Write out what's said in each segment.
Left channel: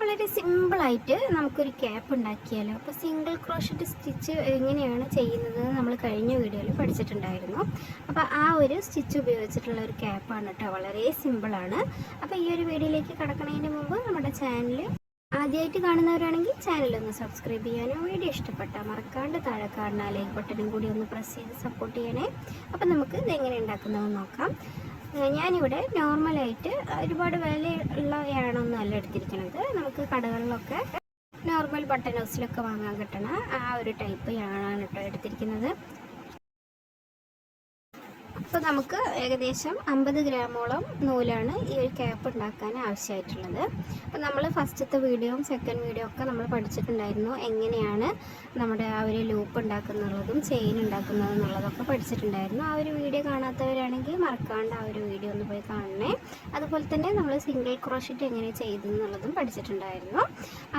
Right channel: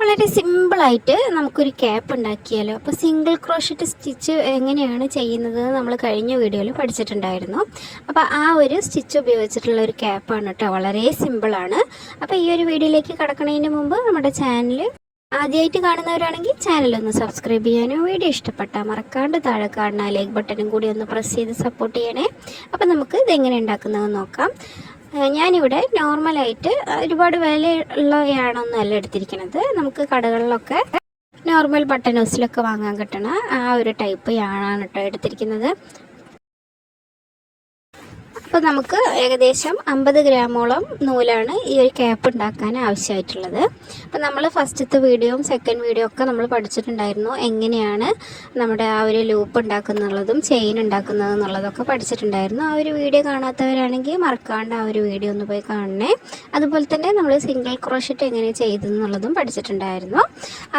വളരെ സിമ്പിളായിട്ട് നമുക്കൊരു ക്യാപ്പ് ഉണ്ടാക്കിയാലോ. അപ്പോൾ സിംഗിൾ ക്രോഷറ്റ് സ്റ്റിച്ച് എങ്ങനെയാണ് ചെയ്യുന്നത് നമ്മൾ കഴിഞ്ഞ വീഡിയോയിൽ പഠിച്ചിട്ടുണ്ടായിരുന്നു. അപ്പോൾ ആ ഒരു സ്റ്റിച്ച് ഉപയോഗിച്ചിട്ടുള്ള ഒരു ക്യാപ്പാണ് കേട്ടോ. വളരെ സിമ്പിളാണ്. അപ്പോൾ ഈ ഒരു വീഡിയോയിലേക്ക് കടക്കുന്നതിന് മുമ്പ് നമ്മുടെ ചാനൽ ആദ്യമായിട്ട് കാണുന്നവരാണെങ്കിൽ ചാനലൊന്ന് സബ്സ്ക്രൈബ് ചെയ്യാനും വീഡിയോ ഇഷ്ടപ്പെട്ടാൽ മറക്കാണ്ട് താഴെ കാണുന്ന ലൈക്ക് ബട്ടണും കൂടി ഒന്ന് പ്രസ് ചെയ്ത് സപ്പോർട്ട് ചെയ്യണേ. അപ്പോൾ നമുക്ക് ഇതെങ്ങനെ ഉണ്ടാക്കുന്നതെന്ന് നോക്കാം. ഞാനിവിടെ നോർമലായിട്ട് ഒരുപാട് വിലയുള്ളതാണൊന്നുമല്ല എടുത്തിരിക്കുന്നത്. നമുക്ക് കടകളിലൊക്കെ നോർമൽ ബട്ടൺ ഹൗസിലൊക്കെ വാങ്ങാൻ കിട്ടണ ആ ഒരു ടൈപ്പ് യാണാണ് കേട്ടോ എടുത്തിരിക്കുന്നത്. അപ്പോൾ നമുക്ക് ഏകദേശം 50 ഗ്രാമോളം നൂലാണ് ഈ ഒരു ക്യാപ്പ് ഉണ്ടാക്കാൻ ആവശ്യമായിട്ടുള്ളത്. അപ്പോൾ നമ്മൾ ഫസ്റ്റത്തെ വീഡിയോയും സെക്കൻഡ് വീഡിയോ ഒക്കെ നമ്മൾ പഠിച്ചിട്ടുണ്ടായിരുന്നു. എങ്ങനെയാണ് നമ്മുടെ ആ ഒരു ലൂപ്പ് ഉണ്ടാക്കുന്നുള്ളതും ചെയിൻ ഉണ്ടാക്കുന്നത് എന്നുള്ളതൊക്കെ പഠിച്ചിട്ടുണ്ടായിരുന്നു. ആ ഒരു വീഡിയോ കാണാത്തവരാണെങ്കിൽ മറക്കാണ്ട് ആ ഒരു വീഡിയോ ഒന്ന് പോയി കാണണേ. അതുപോലെ തന്നെ നമ്മൾ സിംഗിൾ ക്രോഷറ്റ് എങ്ങനെ ചെയ്തെന്നുള്ളതും പഠിച്ചിട്ടുണ്ടായിരുന്നു.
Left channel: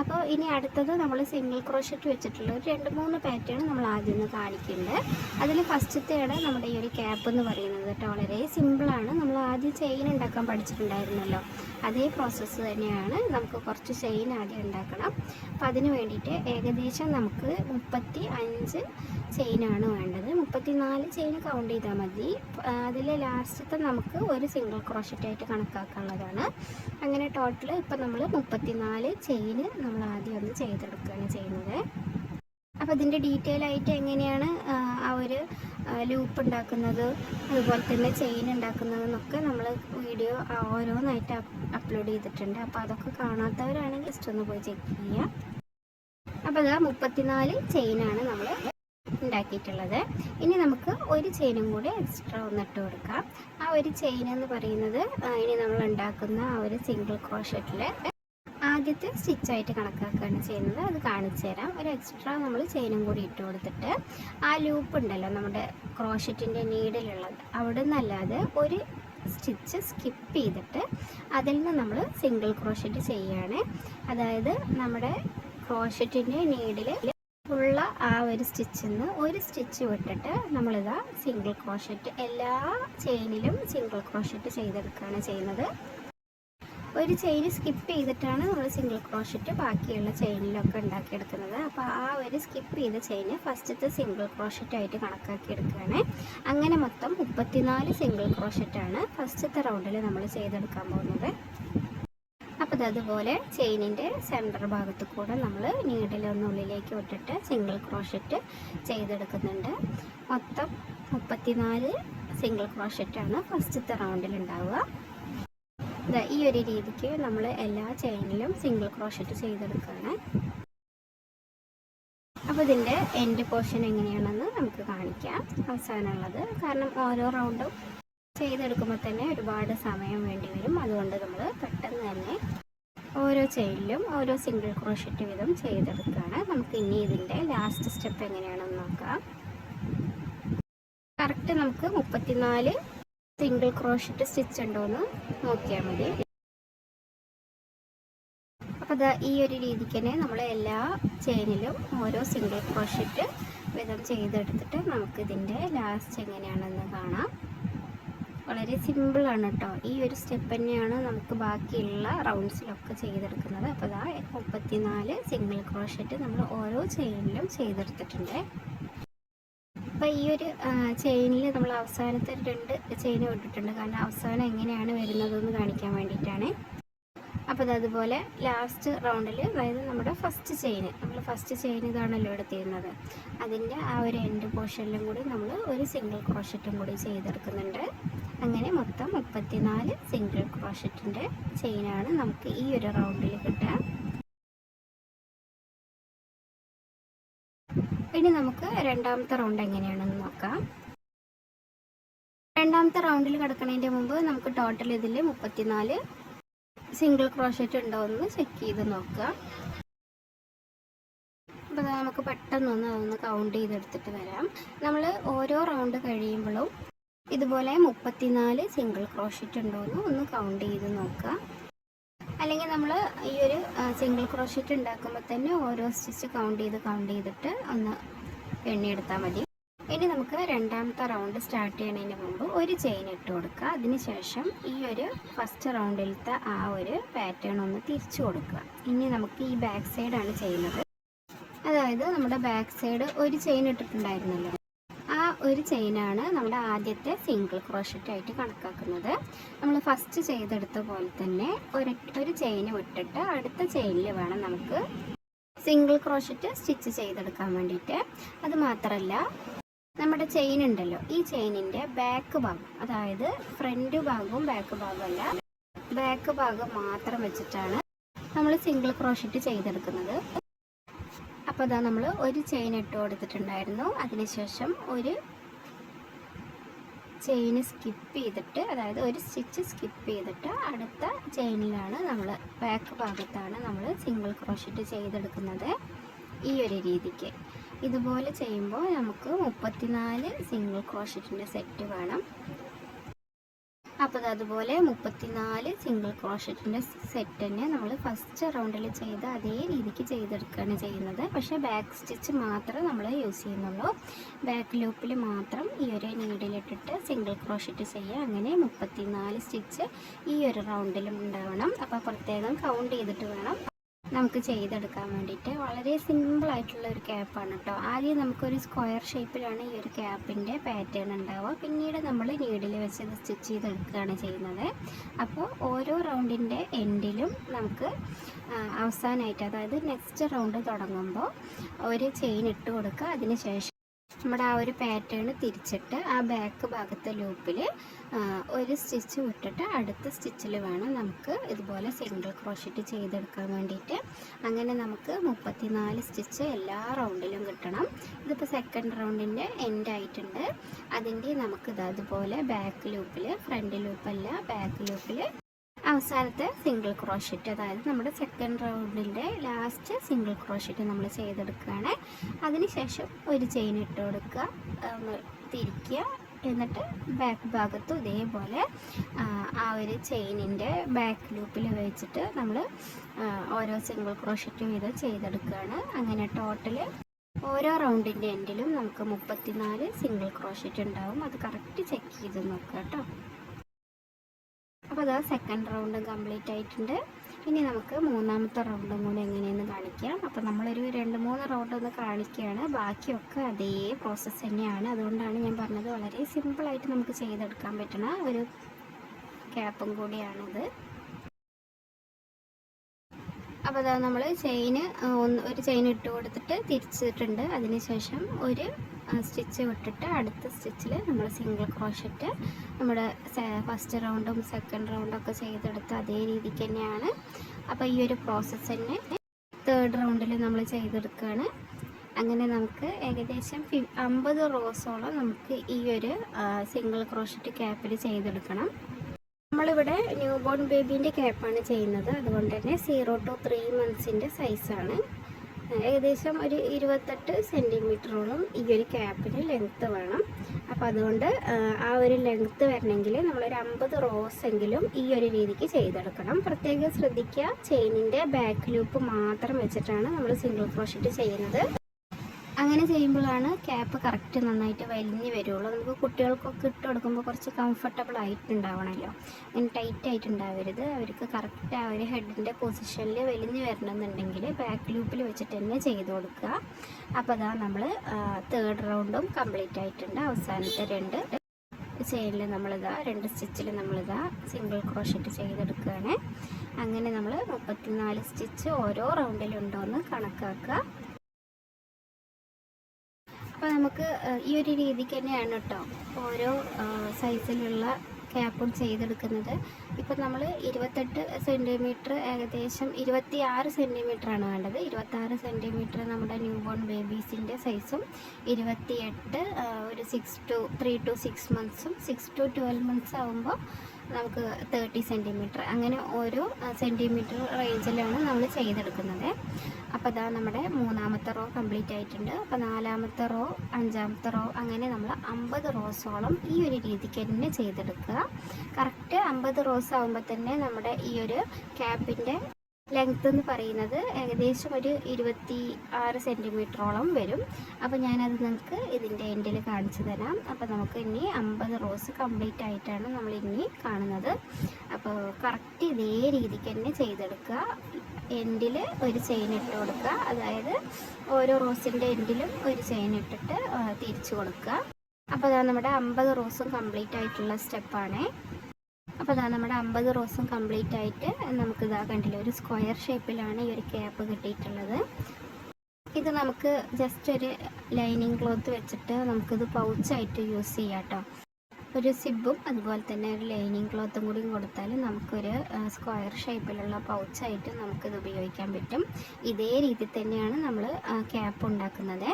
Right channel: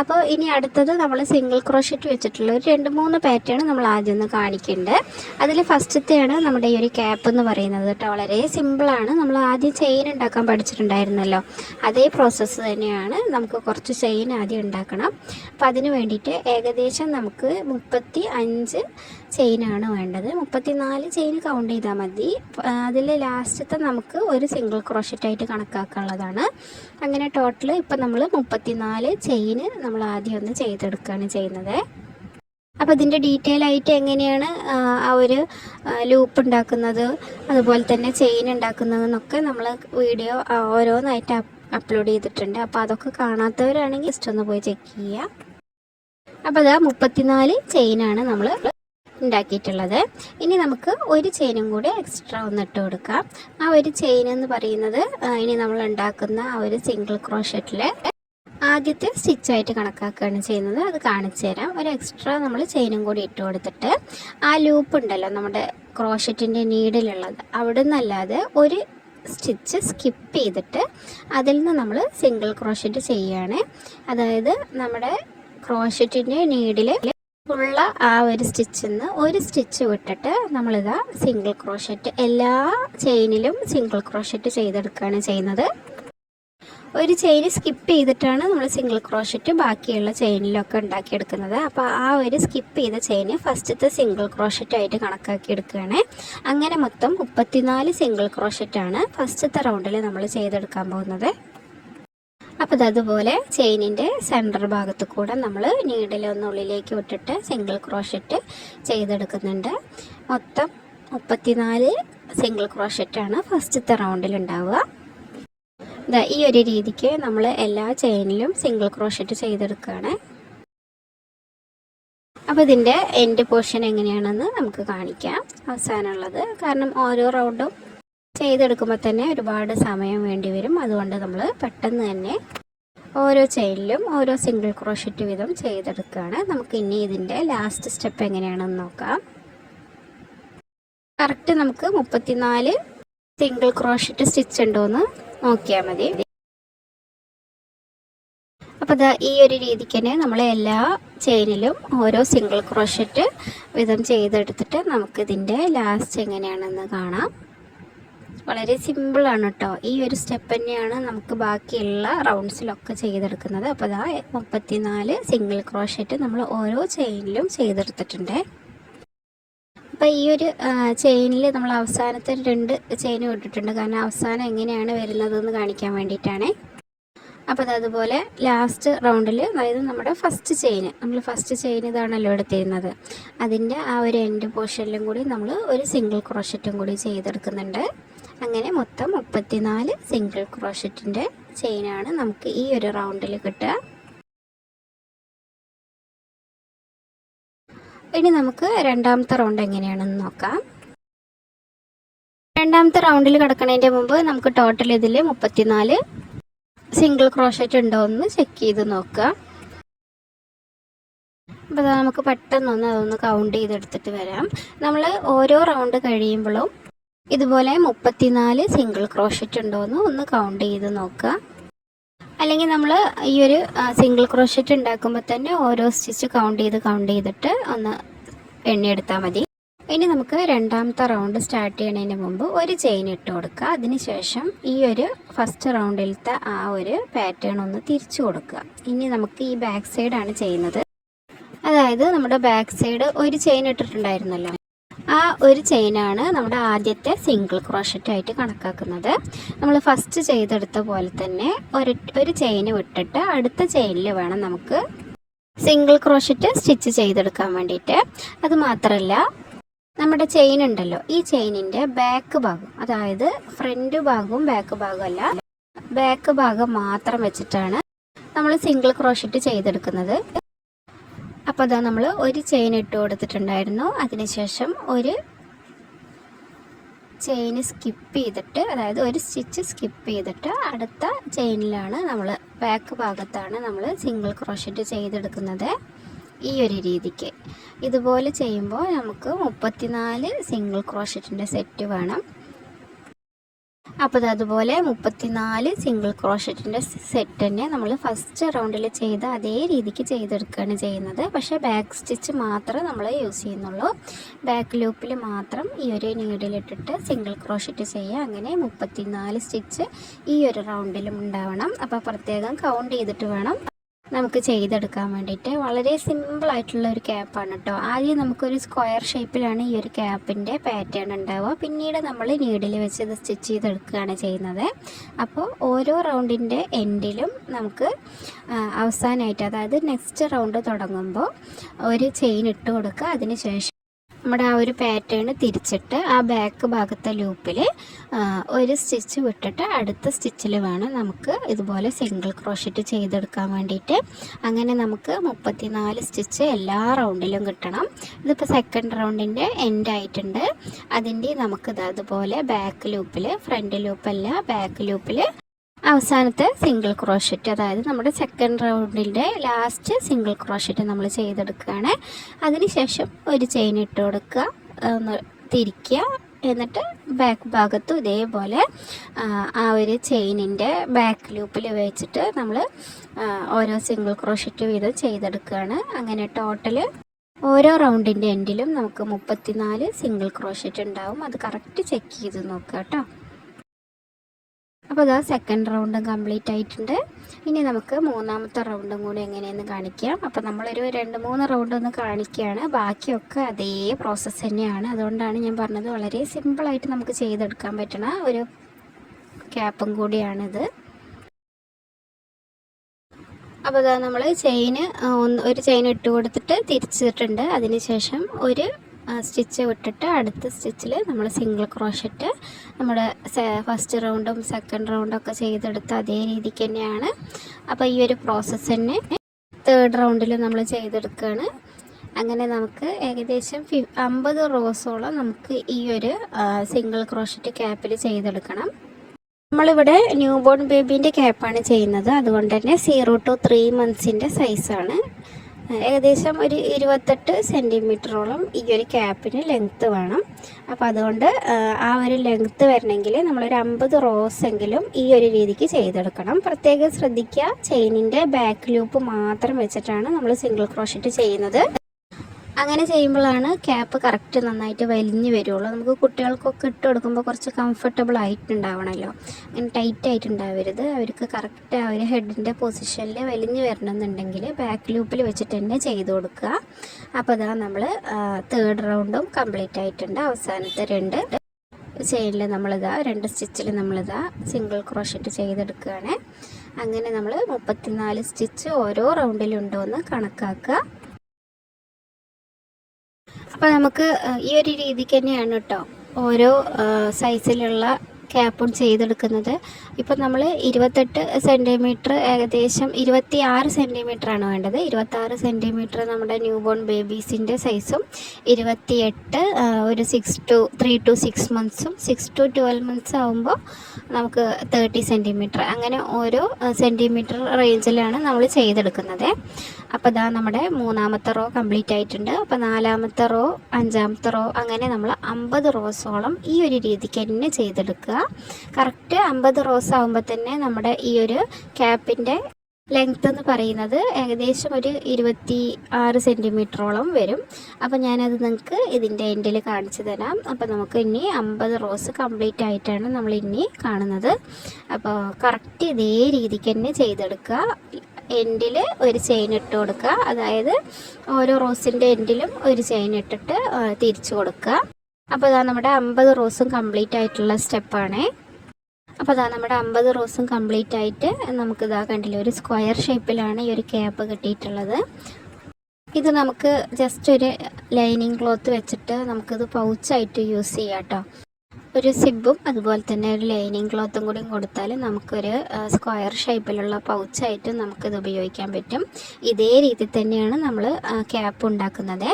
അപ്പോൾ ഇനി അടുത്തത് നമ്മൾ സിംഗിൾ ക്രോഷറ്റ് വെച്ചിട്ടുള്ള ഒരു 2-3 പാറ്റേൺ നമ്മൾ ആദ്യം ഒന്ന് കാണിക്കുന്നുണ്ട്. അതിൽ ഫസ്റ്റത്തെയാണ് നമ്മുടെ ഈ ഒരു ക്യാപ്പ് എന്ന് പറയുന്നത് കേട്ടോ. വളരെ സിമ്പിളാണ്. നമ്മൾ ആദ്യം ചെയിൻ ഉണ്ടാക്കാൻ പഠിച്ചിട്ടുണ്ടായിരുന്നല്ലോ, അതേ പ്രോസസ്സ് തന്നെയാണ്. നമുക്ക് കുറച്ച് ചെയിൻ ആദ്യം ഉണ്ടാക്കണം. അപ്പം അതിന് വേണ്ടിയിട്ട് ഏകദേശം നമുക്ക് 35 ചെയിനാണ് വേണ്ടത്. 34 ചെയിൻ കൗണ്ട് ചെയ്താൽ മതി. അതിൽ ലാസ്റ്റത്തെ നമുക്ക് ഒരു സിംഗിൾ ക്രോഷറ്റായിട്ട് കണക്കാക്കാനുള്ളതാണ്. അങ്ങനെ ടോട്ടൽ ഇപ്പം നമ്മൾ 34 ചെയിന് നമ്മൾ ആദ്യം ഒന്ന് ചെയ്തെടുക്കുകയാണ് ചെയ്യുന്നത്. അപ്പോൾ ഇതിൻ്റെ ഡീറ്റെയിൽ ആയിട്ട് എങ്ങനെയാണ് ആ ഒരു ലൂപ്പ് ഉണ്ടാക്കുന്നത്, അതുപോലെ തന്നെ ചെയിൻ ഉണ്ടാക്കുന്നതെന്നൊക്കെ നമ്മൾ വീഡിയോ ഓരോന്നായിട്ട് അപ്ലോഡ് ചെയ്തിട്ടുണ്ട്. അപ്പോൾ അതൊക്കെ കാണാത്തവരാണെങ്കിൽ ജസ്റ്റ് ഒന്ന് പോയി ചെക്ക് ചെയ്യുക. അപ്പോൾ അതാ 34 ചെയിനാണ് നമ്മൾ ഉണ്ടാക്കിയിട്ടുള്ളത്. ഇനി നമുക്ക് ഒരു ചെയിനും കൂടെ എക്സ്ട്രാ ഒന്ന് ഇട്ട് കൊടുക്കാം. ആ ഒരു ചെയിൻ എന്ന് പറയുന്നത് ഇനി നമ്മൾ ഉണ്ടാക്കുന്ന ആ ഒരു സിംഗിൾ ക്രോഷറ്റിലെ ആദ്യത്തെ സ്റ്റിച്ചായിട്ട് കണക്കാക്കുകയാണ് ചെയ്യുന്നത്. അത് കാണിച്ചു തരാം. ഒരു എക്സ്ട്രാ നമ്മൾ ചെയിനും കൂടി ഇട്ട് കൊടുത്തിട്ട് ആ ലൂപ്പ് ഉണ്ടല്ലോ നമ്മുടെ ക്രോഷറ്റിൻ്റെ നീഡിലുള്ളത്, അവിടെ നിന്നല്ലാതെ ഒരു സ്റ്റിച്ച് സ്കിപ്പ് ചെയ്തിട്ട് അതിൽ നിന്ന് നമ്മൾ സിംഗിൾ ക്രോഷറ്റ് ചെയ്യുകയാണ്. അതായത് നമ്മുടെ ക്രോഷറ്റിൻ്റെ നീഡിൽ ഉള്ള ആ ഒരു സ്റ്റിച്ചിൽ നിന്ന് ഒരു സ്റ്റിച്ച് വിട്ടിട്ട് നമ്മളിതാ സിംഗിൾ ക്രോഷറ്റ് എല്ലാ ചെയിനിലും സിംഗിൾ ക്രോഷറ്റ് ചെയ്തെടുക്കുകയാണ് ചെയ്യുന്നത്. ഒരു ചെയിൻ സ്കിപ്പ് ചെയ്തിട്ടാണ് നമ്മൾ സിംഗിൾ ക്രോഷറ്റ് ബാക്കിയുള്ള ചെയിനിലൊക്കെ ഉണ്ടാക്കിയെടുക്കുന്നത്. അപ്പോൾ ആ ഒരു സ്കിപ്പ് ചെയ്ത ചെയിന് ഫസ്റ്റത്തെ സിംഗിൾ ക്രോഷറ്റായിട്ട് കണക്കാക്കി എടുക്കുകയാണ്. അങ്ങനെ മൊത്തം 34 സിംഗിൾ ക്രോഷറ്റാണ് ഫസ്റ്റത്തെ റൗണ്ടിൽ നമ്മൾ ചെയ്തെടുക്കാൻ പോകുന്നത്. അപ്പോൾ അതുപോലെ ചെയിനിൻ്റെ സെൻറ്റർ ഭാഗത്ത് കൂടെ നമ്മൾ നീഡിലൊന്നുള്ളിലേക്ക് വിട്ടിട്ട് സിംഗിൾ ക്രോഷറ്റ് ചെയ്തെടുക്കുന്നുണ്ട്. മൊത്തം 34 സിംഗിൾ ക്രോഷറ്റാണ് ഫസ്റ്റത്തെ റൗണ്ടിൽ ഉണ്ടാവുക. ഈ ഒരു രീതിക്ക് നമ്മൾ എല്ലാ ചെയിനിലും സിംഗിൾ ക്രോഷറ്റ് ചെയ്തെടുക്കുകയാണ്. അപ്പോൾ ഇതിൻ്റെ എൻഡ് പോർഷൻ എങ്ങനെയാണെന്ന് നമുക്ക് കാണിക്കാം അവസാനമുള്ളത്. കാരണം ഓരോ റൗണ്ടും ചെയ്തെടുക്കുമ്പോൾ തന്നെ ഒരുപാട് സമയം വേണ്ടി വരും. അതുകൊണ്ട് നമ്മൾ പെട്ടെന്ന് തന്നെ ഓരോ ചെയിനിലും ഓരോ സിംഗിൾ ക്രോഷറ്റ് വീതം ചെയ്തെടുക്കുകയാണ്. നമുക്ക് ഇനി ഇതിൻ്റെ ലാസ്റ്റ് സ്റ്റെപ്പ് എങ്ങനെയാണെന്ന് നോക്കാം. കറക്റ്റ് നമുക്ക് 34 സിംഗിൾ ക്രോഷറ്റ് സ്റ്റിച്ച് ഉണ്ടോയെന്ന് നോക്കിയാൽ മതി. അപ്പോൾ ഈ ഒരു രീതിക്ക് തന്നെ നമ്മൾ എല്ലാ ചെയിനിലും ഓരോ സിംഗിൾ ക്രോഷറ്റ് വിധം ചെയ്തെടുത്തിട്ട് നമുക്കിതിൻ്റെ ലാസ്റ്റ് എങ്ങനെയാണെന്ന് കാണാം. വളരെ സിമ്പിളാണ് കേട്ടോ. ഈ ഒരു സ്റ്റെപ്പ് തന്നെയാണ് നമുക്ക് ബാക്കിയുള്ള റൗണ്ട്സിലൊക്കെ ചെയ്തെടുക്കുന്നത്. അപ്പോൾ 34 സിംഗിൾ ക്രോഷറ്റ് നമ്മൾ ഓരോ ചെയിനിലും ചെയ്തെടുത്തിട്ടുണ്ട്. അപ്പോൾ ഈ ഒരു ചെയിനിൽ നമ്മൾ അവസാനത്തെ 2 ചെയിൻ ഇട്ടിട്ടുണ്ട്. കാരണം അവസാനം എങ്ങനെയാണ് വരുന്നതെന്ന് കാണിക്കാൻ വേണ്ടിയിട്ടാണ്. അപ്പോൾ അതുപോലെ ലാസ്റ്റ് റൗണ്ടിൽ, അതായത് നമ്മുടെ ഫസ്റ്റ് ചെയിൻ ഇതാണല്ലോ എടുത്തിരുന്നത്, അതിൻ്റെ ആ ഒരു എൻഡ് പോർഷനിലും കൂടി നമ്മൾ ഒരു സിംഗിൾ ക്രോഷറ്റും കൂടി ചെയ്തെടുക്കുന്നുണ്ട്. അങ്ങനെ മൊത്തം 34 സിംഗിൾ ക്രോഷറ്റിൻ്റെ ചെയിനാണ് നമുക്ക് ഈ ഒരു റൗണ്ടിൽ കിട്ടുക. ഇനി നമുക്ക് രണ്ടാമത്തെ റൗണ്ട് എങ്ങനെയാണെന്ന് നോക്കാം. രണ്ടാമത്തെ റൗണ്ടിൽ കിടക്കുന്നതിൻ്റെ മുമ്പ് നമുക്ക് ടോട്ടൽ ഇതിൽ 34 സിംഗിൾ ക്രോഷറ്റ് ഉണ്ടോ എന്ന് ചെക്ക് ചെയ്ത് നോക്കുക. അപ്പോൾ നമുക്ക് പെട്ടെന്നൊന്ന് അതൊന്ന് കൗണ്ട് ചെയ്തെടുത്തിട്ട് വരാം. നമ്മൾ ഓരോ റൗണ്ട് കഴിയുമ്പോഴും ഇതുപോലെ 34 സിംഗിൾ ക്രോഷറ്റ് ഉണ്ടോ എന്ന് ഒന്ന് കൗണ്ട് ചെയ്ത് നോക്കുക. അല്ലെങ്കിൽ നമ്മൾ ഈ ഒരു സിംഗിൾ ക്രോഷറ്റ് ഉണ്ടാക്കുമ്പോൾ തന്നെ ഓരോ സ്റ്റിച്ച് കൗണ്ട് ചെയ്തിട്ട് ഒന്ന് എണ്ണിയെടുത്താൽ മതി. ഇനി നമുക്ക് രണ്ടാമത്തെ റൗണ്ട് സ്റ്റാർട്ട് ചെയ്യുന്നതിന് മുമ്പ് ഒരു ചെയിൻ ഇട്ട് കൊടുക്കുക. അതിനുശേഷം ഈ ഒരു ഫസ്റ്റ് റൗണ്ടിലത്തെ ആ ഒരു പാറ്റേൺ ഒന്ന് തിരിച്ചു കൊടുക്കുക. ഇനി നമുക്ക് ഈ ബാക്ക് സൈഡാണ് ചെയ്യുന്നത്. അതായത് നമ്മുടെ ബാക്ക് സൈഡ് ഒരു ചെയിൻ ഇട്ടിട്ടുണ്ടായിരുന്നല്ലോ, ആ ഒരു ചെയിനാണ് നമ്മുടെ ആദ്യത്തെ സിംഗിൾ ക്രോഷറ്റ് ആയിട്ട് കണക്കാക്കുന്നത്. നമ്മൾ ഫസ്റ്റ് ചെയ്തെടുത്ത പോലെ തന്നെ ഒരു ചെയിൻ വിട്ടിട്ട് അടുത്ത ചെയിനിൽ വേണം നമുക്ക് സിംഗിൾ ക്രോഷറ്റ് സ്റ്റിച്ച് ചെയ്തെടുക്കാൻ വേണ്ടിയിട്ട്. അത് മാത്രമല്ല, നമ്മുടെ ചെയിൻ ഉണ്ടല്ലോ, ഈ ചെയിനിൻ്റെ ബാക്ക് ഭാഗം, അതായത് ഫ്രണ്ട് ഭാഗവും ബാക്ക് ഭാഗവും അല്ല, ബാക്ക് ഭാഗം മാത്രം വെച്ചിട്ടാണ് നമ്മൾ സിംഗിൾ ക്രോഷറ്റ് ചെയ്തെടുക്കുന്നത്. അപ്പോൾ അതാ നമ്മൾ ഒരു ചെയിൻ ഇട്ട് കൊടുത്തിട്ടുണ്ടായിരുന്നു. അതിനുശേഷം ഒരു ചെയിൻ സ്കിപ്പ് ചെയ്തിട്ട്, അതായത് ഒരു സ്റ്റിച്ച് സ്കിപ്പ് ചെയ്തിട്ട് അടുത്ത ചെയിനിലാണ് നമ്മൾ ബാക്ക് ഭാഗത്താണ് നമ്മൾ സിംഗിൾ ക്രോഷറ്റ് ചെയ്തെടുക്കുന്നത്. ഈ ഒരു രീതിക്ക് ഇതുപോലെ ചെയ്യുമ്പോൾ നമുക്ക് 34 സിംഗിൾ ക്രോഷറ്റിൻ്റെ സെറ്റ് വേണം. അപ്പോൾ അതുപോലെ 34 സിംഗിൾ ക്രോഷറ്റിൻ്റെ സെറ്റ് തന്നെ നമ്മൾ ഫസ്റ്റ് റൗണ്ടിൽ ചെയ്ത അതേ രീതിക്ക് ചെയ്തെടുക്കുകയാണ് ചെയ്യുന്നത്. പക്ഷേ ബാക്ക് സ്റ്റിച്ച് മാത്രമേ നമ്മൾ യൂസ് ചെയ്യുന്നുള്ളൂ. ബാക്ക് ലൂപ്പിൽ മാത്രം ഈ ഒരു നീഡിലിട്ടിട്ട് സിംഗിൾ ക്രോഷറ്റ് ചെയ്യുക. അങ്ങനെ 34 സ്റ്റിച്ച് ഈ ഒരു റൗണ്ടിലും ഉണ്ടാവണം. അപ്പോൾ പ്രത്യേകം കൗണ്ട് ചെയ്തിട്ട് വേണം നമുക്ക് ചെയ്തെടുക്കാൻ വേണ്ടിയിട്ട്. വളരെ സിമ്പിളായിട്ടുള്ള ഒരു ക്യാപ്പാണ് കേട്ടോ. ആദ്യം നമുക്കൊരു സ്ക്വയർ ഷേപ്പിലാണ് ഈ ഒരു ക്യാപ്പിൻ്റെ പാറ്റേൺ ഉണ്ടാവുക. പിന്നീട് നമ്മൾ നീഡിൽ വെച്ച് ഇത് സ്റ്റിച്ച് ചെയ്തെടുക്കുകയാണ് ചെയ്യുന്നത്. അപ്പോൾ ഓരോ റൗണ്ടിൻ്റെ എൻഡിലും നമുക്ക് അവസാനമായിട്ട്, അതായത് നെക്സ്റ്റ് റൗണ്ട് തുടങ്ങുമ്പോൾ ഒരു ചെയിൻ ഇട്ട് കൊടുക്കുക. അതിന് ശേഷം നമ്മുടെ ആ ഒരു പാറ്റേൺ തിരിച്ചിട്ട് ആ ബാക്ക് ഭാഗത്തെ ലൂപ്പിൽ ഒരു സ്റ്റിച്ച് വിട്ടിട്ട് അടുത്ത സ്റ്റിച്ചിൽ വേണം നമുക്ക് ഇതുപോലെ സിംഗിൾ ക്രോഷറ്റ് ചെയ്തെടുക്കാൻ വേണ്ടിയിട്ട്. അങ്ങനെ നമുക്ക് 34 സ്റ്റിച്ച് എല്ലാ റൗണ്ടിലും കിട്ടണം. ഇതിപ്പോൾ സെക്കൻഡ് റൗണ്ടിൻ്റെ എൻഡ് ആയിട്ടുണ്ട്. അതിൻ്റെ നമുക്കിത് അതുപോലെ ബാക്ക് ലൂപ്പിൽ, ഫ്രണ്ട് ലൂപ്പല്ല ബാക്ക് ലൂപ്പിൽ അവസാനത്തെ സിംഗിൾ ക്രോഷറ്റ്, അതായത് നമ്മുടെ സെക്കൻഡ് റൗണ്ടിൻ്റെ ലാസ്റ്റ് സിംഗിൾ ക്രോഷറ്റ് നമ്മൾ ചെയ്തെടുക്കുകയാണ്. അതിനുശേഷം ഒരു ചെയിൻ ഇട്ട് കൊടുക്കുക, തിരിക്കുക, എന്നിട്ട് ബാക്ക് ഭാഗത്തും ഇതേപോലെ ആ ഒരു ചെയിനിൻ്റെ ബാക്ക് ലൂപ്പിൽ വെച്ചിട്ട് നമ്മൾ ഓരോ സിംഗിൾ ക്രോഷറ്റ് വീതം ചെയ്തെടുക്കുകയാണ്. അങ്ങനെ ടോട്ടൽ ഓരോ റൗണ്ടിൻ്റെ എൻഡിലും നമുക്ക് 34 സിംഗിൾ ക്രോഷറ്റ് ഉണ്ടാവും. അത് കറക്റ്റ് ചെക്ക് ചെയ്ത് നോക്കുക കേട്ടോ. അപ്പോൾ അതാ സെക്കൻഡ് റൗണ്ടും കംപ്ലീറ്റ് ആയിട്ടുണ്ട്. ഇനി നമുക്ക് മൂന്നാമത്തെ റൗണ്ടും കൂടി എങ്ങനെയെന്ന് കാണിക്കാം. അപ്പോൾ നമ്മളൊരു 2-3 റൗണ്ട് ഒന്ന് കാണിക്കുകയാണ്. ബാക്കിയൊക്കെ അതേ പ്രോസസ്സ് തന്നെയാണ്. അതുകൊണ്ടാണ് ഞാൻ പറഞ്ഞത് വളരെ സിമ്പിളായിട്ട് നമുക്ക് ചെയ്തെടുക്കാൻ പറ്റുന്ന ഒരു ക്യാപ്പും കൂടിയാണിത്. അപ്പോൾ അതാ നമ്മൾ ഒരു ചെയിൻ ഇട്ട് കൊടുത്തിട്ട് തിരിച്ചിട്ടുണ്ട്. അതിനുശേഷം ഒരു സ്റ്റിച്ച് വിട്ടിട്ട് അടുത്ത സ്റ്റിച്ചിൽ നമ്മൾ സിംഗിൾ ക്രോഷറ്റ് നമ്മുടെ ഫസ്റ്റ് റൗണ്ടും സെക്കൻഡ് റൗണ്ടൊക്കെ ചെയ്തെടുത്ത അതേ രീതിക്ക് തന്നെയാണ്. അപ്പോൾ ഈ ഒരു പ്രോസസ്സ് തന്നെ തേർഡ് റൗണ്ടിൽ നമ്മൾ ചെയ്തെടുക്കുകയാണ്. അങ്ങനെ നമുക്ക് ഏകദേശം 50 റോസോളം നമുക്ക് ഈ ഒരു സിംഗിൾ ക്രോഷറ്റ് ക്യാപ്പിൽ ചെയ്തെടുക്കണം. നമ്മളിവിടെ ന്യൂ ബോൺ ബേബീൻ്റെ ക്യാപ്പാണ് ചെയ്യുന്നത്. അതുകൊണ്ട് തന്നെ 0 to 3 months സൈസാണ്. ഏകദേശം ഒരു 28 സെൻറ്റിമീറ്ററോളം ഈ ഒരു ക്യാപ്പിന് ലെങ്ത്ത് വേണം. അപ്പോൾ അതുകൊണ്ട് ആ ഒരു ലെങ്ത്ത് വരണമെങ്കിൽ നമ്മളൊരു 50 റോസെങ്കിലും ഈ ഒരു രീതിക്ക് ചെയ്തെടുക്കണം. പ്രത്യേകം ശ്രദ്ധിക്കുക, ചെയിനിൻ്റെ ബാക്ക് ലൂപ്പ് മാത്രം വെച്ചിട്ടാണ് നമ്മൾ സിംഗിൾ ക്രോഷറ്റ് ചെയ്യുന്നത്. അങ്ങനെ ചെയ്യുമ്പോഴാണ് ക്യാപ്പ് കറക്റ്റ് നന്നായിട്ട് വലിഞ്ഞ് വരുള്ളൂ. നമുക്ക് കുട്ടികൾക്കൊക്കെ ഇട്ട് കൊടുക്കുമ്പോൾ കുറച്ച് കംഫർട്ടബിൾ ആയിട്ടുണ്ടാവണമല്ലോ, ഇങ്ങനെ ടൈറ്റ് ആയിട്ടുണ്ടാവരുത്. അവർക്ക് കറക്റ്റ് ആ ഒരു ഹെഡിൻ്റെ പൊസിഷനിൽ വലിഞ്ഞ് വരണമെന്നുണ്ടെങ്കിൽ ബാക്ക് ലൂപ്പിൽ വെച്ചിട്ട് തന്നെ ചെയ്ത് കൊടുക്കുക. അപ്പോൾ അതാ നമ്മൾ തേർഡ് റൗണ്ടും കംപ്ലീറ്റ് ആയിട്ടുണ്ട്. അവസാനത്തെ 2 ചെയിനിൽ നമ്മളിതാ 2 സ്റ്റിച്ചിൽ നമ്മളിതാ സിംഗിൾ ക്രോഷറ്റ് ചെയ്തെടുക്കുകയാണ്. അങ്ങനെ നമ്മൾ 34 സ്റ്റിച്ച് ഓരോ റൗണ്ടിലുണ്ടോ എന്ന് കണക്കാക്കുക. അപ്പോൾ നമുക്ക് ഈ ഒരു രീതിക്ക് തന്നെയാണ് കേട്ടോ ഓരോ സൈസിലുള്ള ക്യാപ്പും ചെയ്തെടുക്കുന്നത്. ഇപ്പം നമ്മൾ 28 സെൻറ്റിമീറ്റർ, ഏകദേശം 26 സെൻറ്റിമീറ്ററാണ് വേണ്ടത്. 26 സെൻറ്റിമീറ്റർ നമ്മുടെ ന്യൂ ബോൺ ബേബീസിൻ്റെ സൈസും, 28 ഒരു 3 to 6 months, 6 to 12 months ആകുമ്പോൾ നമുക്ക് 30 സെൻറ്റിമീറ്റർ, അങ്ങനെ ഓരോ സെൻറ്റിമീറ്റർ റേഞ്ചിലാണ് നമ്മൾ ചെയ്തെടുക്കുന്നത്. അപ്പോൾ ഇതാ നമ്മുടെ മൂന്നാമത്തെ റോ കംപ്ലീറ്റ് ആയിട്ടുണ്ട്. അപ്പോൾ നാലാമത്തെ റോ, അഞ്ചാമത്തെ റോ, അങ്ങനെ നമ്മൾ 50 റോസോളം ഈ ഒരു രീതിക്ക് തന്നെ ചെയ്തെടുക്കുക. കറക്റ്റ് 50 റോസ് ആകുമ്പോൾ തന്നെ നമ്മുടെ ഈ ഒരു ക്യാപ്പിൻ്റെ ലെങ്ത്ത് എന്ന് പറയുന്നത് ഏകദേശം ഒരു 26 സെൻറ്റിമീറ്ററോളം വരും. അപ്പോൾ ഞാനത് നിങ്ങൾക്ക് ഇതിൻ്റെ എൻഡിൽ കാണിച്ചു തരാം. അപ്പോൾ നമുക്ക് ഇനി 50 റോസ് കംപ്ലീറ്റ് ആയിട്ടാണ് നമ്മൾ ഇനി കാണുന്നത്. അപ്പോൾ കറക്റ്റ് ഇതേ രീതിക്ക് തന്നെ ചെയ്തെടുക്കുക. എൻഡിൽ ഒരു ചെയിൻ ഇട്ട് കൊടുക്കുക, അതായത് ഓരോ റോസിൻ്റെ എൻഡിലും ഒരു ചെയിൻ ഇട്ടിട്ട് തിരിച്ചു കൊടുക്കുക. അപ്പോൾ ഇതാ നമ്മുടെ 50 റോസും കംപ്ലീറ്റ് ആയിട്ടുള്ള സ്റ്റെപ്പാണേ. അപ്പോൾ ഇതാ നമ്മുടെ 50 റോസും കംപ്ലീറ്റ് ആയിട്ട് നമുക്കിതാ കണ്ടില്ല, ഒരു സ്ക്വയർ ഷേപ്പിലാണ് ഈ ഒരു ക്യാപ്പ് കിട്ടിയിട്ടുള്ളത്. ഇത് നമുക്ക് ജസ്റ്റ് ഒരു ലൈനിങ് ക്ലോത്ത് വെച്ചിട്ട് നമുക്കിത് പൗച്ചായിട്ട് യൂസ് ചെയ്യാം കേട്ടോ. ഒരു സിബും അതുപോലെ തന്നെ ഒരു ലൈനിങ് ക്ലോത്തും കൂടി കൊടുത്താൽ നമുക്കൊരു സ്ക്വയർ ഷേപ്പിലുള്ള പൗച്ചായിട്ട് നമുക്കിത് ഉപയോഗിക്കാൻ പറ്റും. ഇതേ രീതി തന്നെയാണ് നമ്മൾ ക്യാപ്പ് ഉണ്ടാക്കുന്നത്.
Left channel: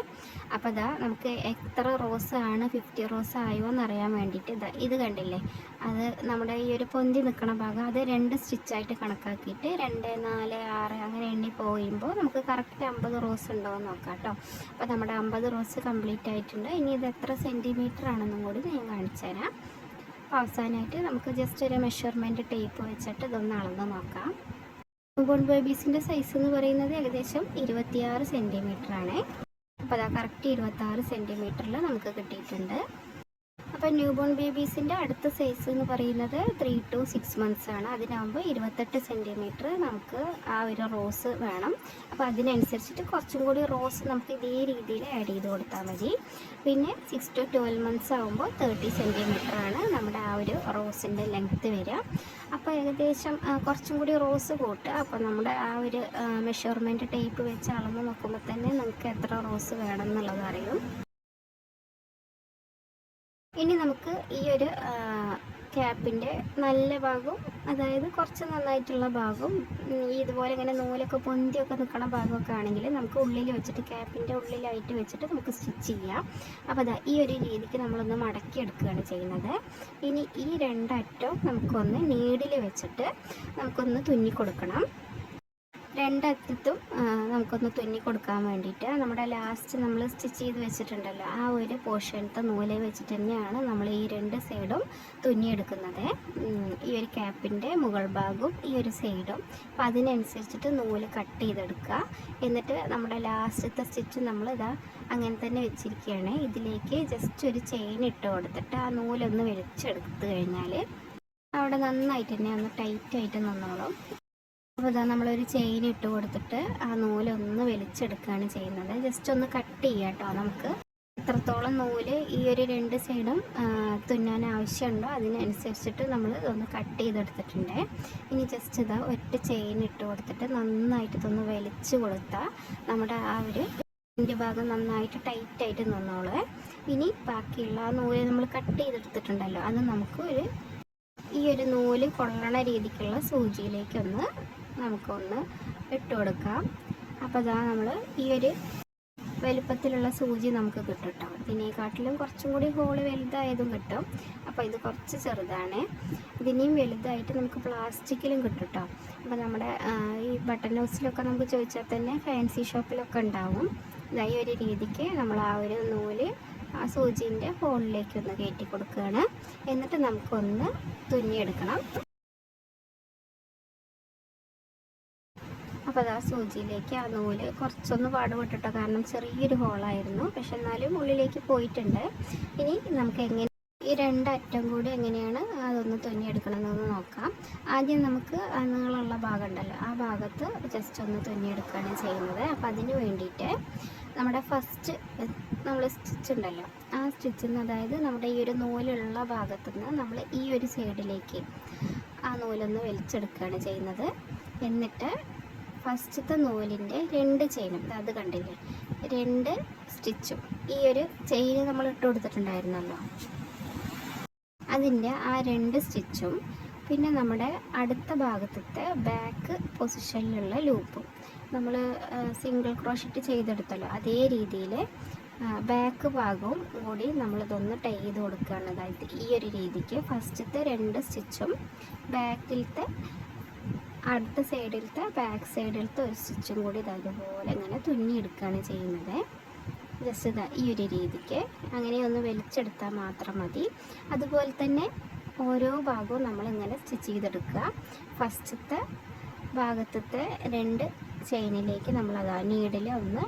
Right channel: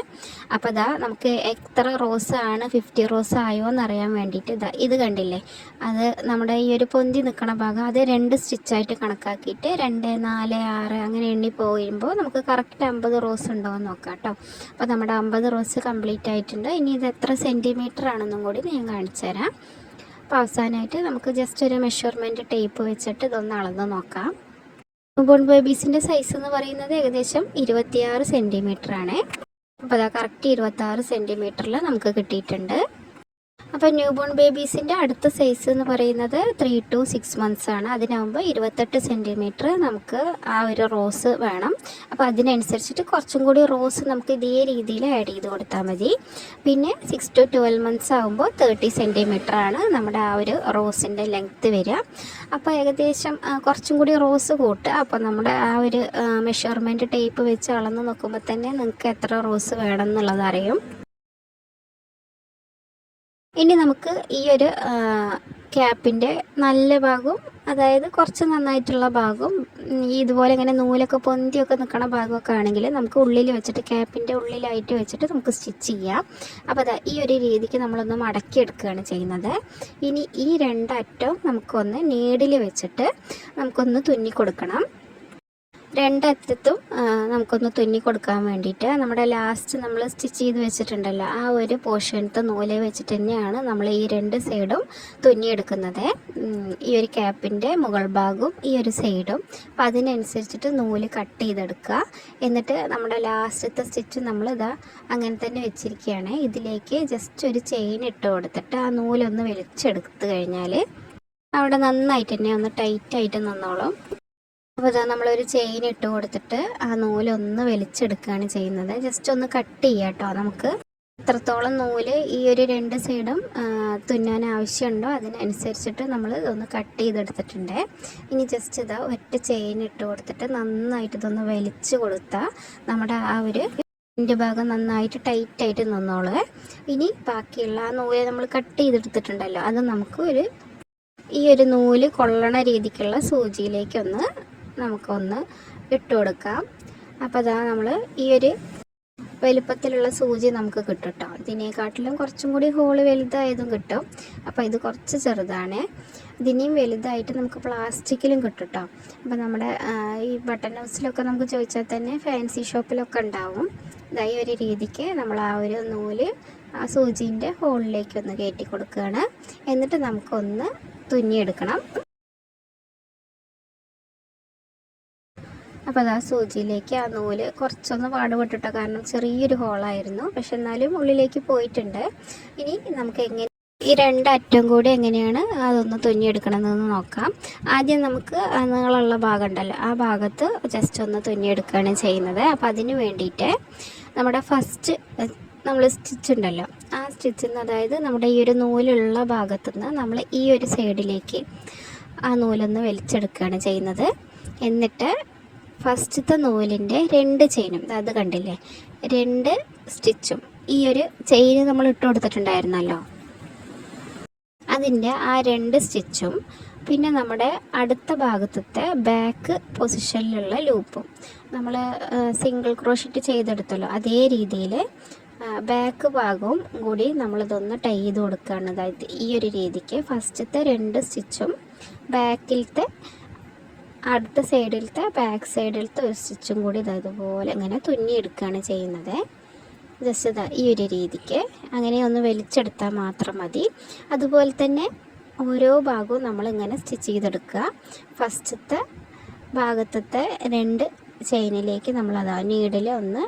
അപ്പോൾ ഇതാ നമുക്ക് എത്ര റോസ് ആണ് 50 റോസ് ആയോ എന്നറിയാൻ വേണ്ടിയിട്ട് ഇത് കണ്ടില്ലേ, അത് നമ്മുടെ ഈ ഒരു പൊന്തി നിൽക്കണ ഭാഗം അത് 2 സ്റ്റിച്ചായിട്ട് കണക്കാക്കിയിട്ട് 2, 4, 6 അങ്ങനെ എണ്ണി പോയുമ്പോൾ നമുക്ക് കറക്റ്റ് 50 റോസ് ഉണ്ടോ എന്ന് നോക്കാം കേട്ടോ. അപ്പോൾ നമ്മുടെ 50 റോസ് കംപ്ലീറ്റ് ആയിട്ടുണ്ട്. ഇനി ഇത് എത്ര സെൻറ്റിമീറ്റർ ആണെന്നും കൂടി ഞാൻ കാണിച്ചു തരാം. അപ്പോൾ അവസാനമായിട്ട് നമുക്ക് ജസ്റ്റ് ഒരു മെഷർമെൻറ്റ് ടേപ്പ് വെച്ചിട്ട് ഇതൊന്ന് അളന്ന് നോക്കാം. ന്യൂബോൺ ബേബീസിൻ്റെ സൈസ് എന്ന് പറയുന്നത് ഏകദേശം 26 സെൻറ്റിമീറ്റർ ആണ്. അപ്പോൾ അതാ കറക്റ്റ് 26 സെൻറ്റിമീറ്ററിൽ നമുക്ക് കിട്ടിയിട്ടുണ്ട്. അപ്പോൾ ന്യൂബോൺ ബേബീസിൻ്റെ അടുത്ത സൈസ് എന്ന് പറയുന്നത് 3 to 6 മന്ത്സ് ആണ്. അതിനാകുമ്പോൾ 28 സെൻറ്റിമീറ്റർ നമുക്ക് ആ ഒരു റോസ് വേണം. അപ്പോൾ അതിനനുസരിച്ചിട്ട് കുറച്ചും കൂടി റോസ് നമുക്ക് ഇതേ രീതിയിൽ ആഡ് ചെയ്ത് കൊടുത്താൽ മതി. പിന്നെ 6 to 12 മന്ത്സ് ആകുമ്പോൾ 30 സെൻറ്റിമീറ്റർ ആണ് നമ്മുടെ ആ ഒരു റോസിൻ്റെ ലെങ്ത്ത് വരിക. അപ്പോൾ ഏകദേശം കുറച്ചും കൂടി റോസ് കൂട്ടുക. അപ്പോൾ നമ്മുടെ ആ ഒരു മെഷർമെൻറ്റ് ടേപ്പ് വെച്ച് അളന്ന് നോക്കുമ്പോൾ തന്നെ നിങ്ങൾക്ക് എത്ര റോസ് വേണം എന്നുള്ളത് അറിയും. ഇനി നമുക്ക് ഈ ഒരു ക്യാപ്പിൻ്റെ നല്ല ഭാഗവും, അതായത് കുറച്ച് നന്നായിട്ടുള്ള ഭാഗവും, ഇതുപോലെ ഇങ്ങനെ നൂലൊക്കെ പൊന്തിയൊക്കെ നിൽക്കണ ഭാഗമൊക്കെ ആണെങ്കിൽ നമുക്ക് ഉള്ളിൽ വെച്ചിട്ട് ക്യാപ്പിൻ്റെ ഉള്ളിലായിട്ട് വെച്ചിട്ട് നമുക്ക് സ്റ്റിച്ച് ചെയ്യാം. അപ്പോൾ അതാ ഈ ഒരു രീതിക്ക് നമ്മളൊന്ന് മടക്കിയെടുക്കുകയാണ് ചെയ്യുന്നത്. ഇനി ഈ 2 അറ്റവും നമുക്കൊന്ന് നീഡിൽ വെച്ചിട്ട് നമുക്കൊന്ന് തുന്നി കൊടുക്കണം. 2 അറ്റത്തും നമുക്കൊന്ന് തുന്നി കൊടുക്കാൻ വേണ്ടിയിട്ട് നമ്മുടെ ലാസ്റ്റ് നമ്മൾ സ്റ്റിച്ച് ചെയ്ത് വെച്ചിട്ടുണ്ടല്ലോ ആ ഒരു പോർഷനത്തെ നൂല് വെച്ചിട്ട് തന്നെയാണ് നമ്മൾ ഈ 2 സൈഡും തുന്നിയെടുക്കുന്നത്. ഈ ഒരു ക്യാപ്പിൻ്റെ മുകൾ ഭാഗവും ഈ ഒരു സൈഡും. അപ്പം അതിനനുസരിച്ചിട്ട് നൂല് കട്ട് ചെയ്തെടുക്കുക. എന്നിട്ട് നമ്മുടെ ലാസ്റ്റത്തെ സ്റ്റിച്ച് നമ്മളിതാ അങ്ങനെ തന്നെ വെച്ചിരിക്കുകയാണ്. ഇതിലേക്ക് ജസ്റ്റ് ഒരു ചെയിൻ ഇട്ട് കൊടുത്തിട്ട് ആ നൂലൊന്ന് വലിച്ചെടുത്ത് കഴിഞ്ഞാൽ അവിടെ നന്നായിട്ട് തന്നെ ഒന്ന് ടൈറ്റായിട്ട് നിന്നോളും. അപ്പോൾ ഇതാ നമ്മളൊരു ചെയിൻ ഇട്ട് കൊടുത്തിട്ട് ആ നൂലൊന്ന് വലിച്ചെടുക്കുകയാണ് ചെയ്യുന്നത്. ജസ്റ്റ് ഒന്ന് കട്ട് ചെയ്യുക കേട്ടോ. നമുക്ക് എത്രത്തോളം നൂല് ഈ ഒരു 2 സൈഡും തുന്നാൻ ആവശ്യമുണ്ടോ അതിനനുസരിച്ചിട്ട് നമ്മൾ ഇതൊന്ന് കട്ട് ചെയ്തെടുത്തിട്ടുണ്ട്. ഇനി ജസ്റ്റ് ഇതാ ഒറ്റ ചെയിൻ ഇട്ട് കൊടുത്തിട്ട് നന്നായിട്ട് ഇതൊന്ന് വലിച്ചു കൊടുത്താൽ നമ്മുടെ ആ ഒരു ഭാഗം നന്നായിട്ട് ടൈറ്റായിട്ട് നിന്നോളൂ. ഇനി ബാക്കിയുള്ള ആ നൂല് നമ്മൾ കട്ട് ചെയ്തെടുത്തിട്ടുണ്ടല്ലോ അത് നമുക്ക് ഈ ഒരു നൂല് കൊള്ളണ രീതിക്കുള്ള സൂചിയിലേക്കൊന്ന് നമുക്കൊന്ന് ഇട്ട് കൊടുക്കാം. അപ്പോൾ അതാ നമ്മൾ ഈ ഒരു വലുപ്പത്തിലുള്ള സൂചി നമുക്ക് കിട്ടും കേട്ടോ. ഇതിനെക്കാട്ടിലും കുറച്ചും കൂടി ഹോള് വലുതായതും കിട്ടും. അപ്പോൾ ഇത് കുറച്ച് ചെറുതാണ്. ഇതിനെയും വലുതായിട്ട് നമുക്ക് പ്ലാസ്റ്റിക്കിലും കിട്ടും കേട്ടോ. അപ്പോൾ നമ്മുടെ ഈ ബട്ടൺ ഹൗസിലൊക്കെ നമുക്ക് ചോദിച്ചാൽ തന്നെ ഫാൻസി ഷോപ്പിലൊക്കെ ഉണ്ടാവും. ഈ ഒരു രീതിക്ക് നമ്മൾ ആ ഒരു നൂല് ആ സൂചിൻ്റെ ഹോളിലേക്കൊന്ന് കയറ്റി കൊടുക്കുകയാണ്. എന്നിട്ട് നമുക്കൊന്ന് തുന്നിയെടുക്കണം. അപ്പോൾ അത് ആ സൂചിയിലേക്ക് ആ നൂല് കുറച്ചൊന്ന് പാടുപെട്ടിട്ടോ, കാരണം ചെറിയൊരു ഹോളായിരുന്നു. പക്ഷെ എന്നാലും ഉള്ളിലേക്ക് പോയിട്ടുണ്ട്. ഇനി നമുക്ക് ഈ 2 അറ്റം കൂടി എങ്ങനെയാണ് അതൊന്ന് തുന്നിയെടുക്കണമെന്ന് നോക്കാം. ആദ്യം നമുക്ക് നീളമുള്ള ഭാഗം ഉണ്ടല്ലോ ആ ഭാഗത്ത് ജസ്റ്റ് ഒന്ന് തുന്നിയെടുക്കുകയാണ് ചെയ്യുന്നത്. അപ്പോൾ അതിന് വേണ്ടിയിട്ട് നമ്മുടെ ഫസ്റ്റ് നമ്മൾ സ്റ്റിച്ച് ഉണ്ടല്ലോ ആ സ്റ്റിച്ചിൽ നിന്ന്, അതായത് നമ്മുടെ ഈ ഒരു നൂലുള്ള ഭാഗത്തുനിന്ന് നമ്മൾ ഈ ഒരു സൈഡിലേക്ക് ആ നൂലൊന്ന് വലിച്ചെടുക്കുകയാണ് ചെയ്യുന്നത്. എന്നിട്ട് ഫസ്റ്റത്തെ നൂലിൻ്റെ 2 ചെയിനും അത് കണ്ടില്ലേ 2 സ്റ്റിച്ചും ഈ ഒരു ചെയിൻ നമ്മൾ ഇട്ട് കൊടുത്തിട്ടുണ്ടായിരുന്നല്ലോ അതിൻ്റെ ആ 2 സ്റ്റിച്ചും പിന്നെ നമ്മുടെ അടുത്ത ഭാഗത്തെ ബാക്ക് പൊസിഷനിലുള്ള ലൂപ്പും നമ്മൾ സിംഗിൾ ക്രോഷറ്റ് ചെയ്തെടുത്തല്ലോ അതേ രീതിയിൽ ബാക്ക് ഭാഗവും കൂടി നമ്മളിതൊന്ന് ടൈ ചെയ്ത് കൊടുക്കുകയാണ്. അതായത് ഈ ഒരു രീതിക്ക് ഫസ്റ്റത്തെ 2 സ്റ്റിച്ചും ബാക്കിലത്തെ അടുത്ത സൈഡിലത്തെ ബാക്ക് സൈഡിലത്തെ ഒരു സ്റ്റിച്ചും കൂടി ഇതുപോലെ ഇങ്ങനെ തുന്നിയെടുക്കുകയാണ് ചെയ്യുന്നത്. ജസ്റ്റ് ഇതാ ഈ ഒരു രീതിക്ക് അങ്ങനെ ഒന്ന് വലിച്ചെടുത്താൽ മാത്രം മതി. അതുപോലെ തന്നെ ഓരോ ഭാഗവും നമ്മളിങ്ങനെ സ്റ്റിച്ച് ചെയ്തെടുക്കുക. ഫസ്റ്റത്തെ ഭാഗത്തെ 2 ചെയിനിലേക്ക് നമ്മളത് നീഡിൽ ഒന്ന്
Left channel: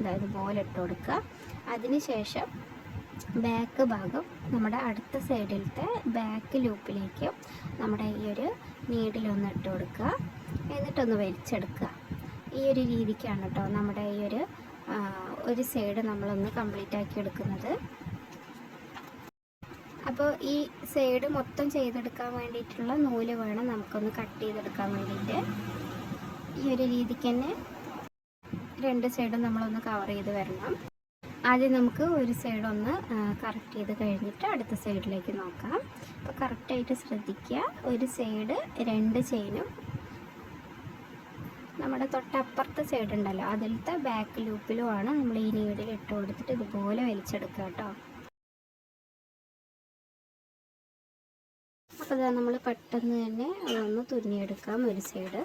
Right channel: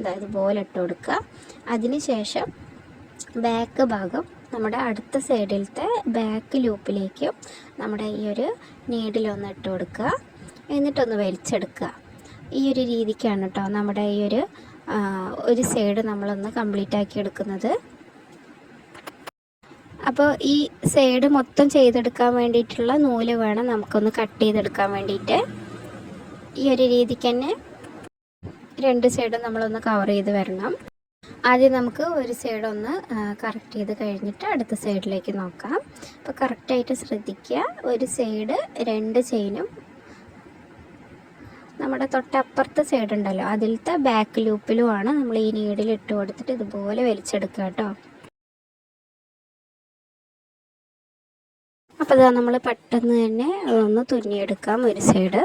ഇതുപോലെ ഇട്ട് കൊടുക്കുക. അതിനുശേഷം ബാക്ക് ഭാഗം നമ്മുടെ അടുത്ത സൈഡിലത്തെ ബാക്ക് ലൂപ്പിലേക്ക് നമ്മുടെ ഈ ഒരു നീഡിലൊന്ന് ഇട്ട് കൊടുക്കുക. എന്നിട്ടൊന്ന് വലിച്ചെടുക്കുക. ഈ ഒരു രീതിക്കാണ് കേട്ടോ നമ്മുടെ ഈ ഒരു സൈഡ് നമ്മളൊന്ന് കംപ്ലീറ്റ് ആക്കി എടുക്കുന്നത്. അപ്പോൾ ഈ സൈഡ് മൊത്തം ചെയ്തെടുക്കാൻ വേണ്ടിയിട്ടുള്ള നൂല് വേണം നമുക്കൊന്ന് കട്ട് ചെയ്തെടുക്കാൻ വേണ്ടിയിട്ട്. ഈ ഒരു രീതിക്ക് തന്നെ 2 സൈഡും നമ്മളൊന്ന് കവർ ചെയ്ത് വരണം. ആദ്യം നമുക്ക് ഒരു സൈഡ് ഒന്ന് കറക്റ്റ് ചെയ്ത് കഴിഞ്ഞിട്ട് അടുത്ത സൈഡിലേക്ക് നോക്കാം. അപ്പോൾ കറക്റ്റായിട്ട് ശ്രദ്ധിക്കുക. ഒരു സൈഡ് 2 ചെയിനും നമ്മുടെ തൊട്ടപ്പുറത്തെ സൈഡ് ഉണ്ടല്ലോ അതിലത്തെ ബാക്ക് ലൂപ്പിലുമാണ് നമ്മൾ ഈ നീഡിൽ ഇട്ട് കൊടുത്തിട്ട് ഇതുപോലെ വലിച്ചെടുക്കുക കേട്ടോ. അപ്പോൾ അതാ നമ്മൾ പെട്ടെന്ന് തന്നെ അതൊന്ന് തുന്നിയെടുക്കാം ഒരു സൈഡ്.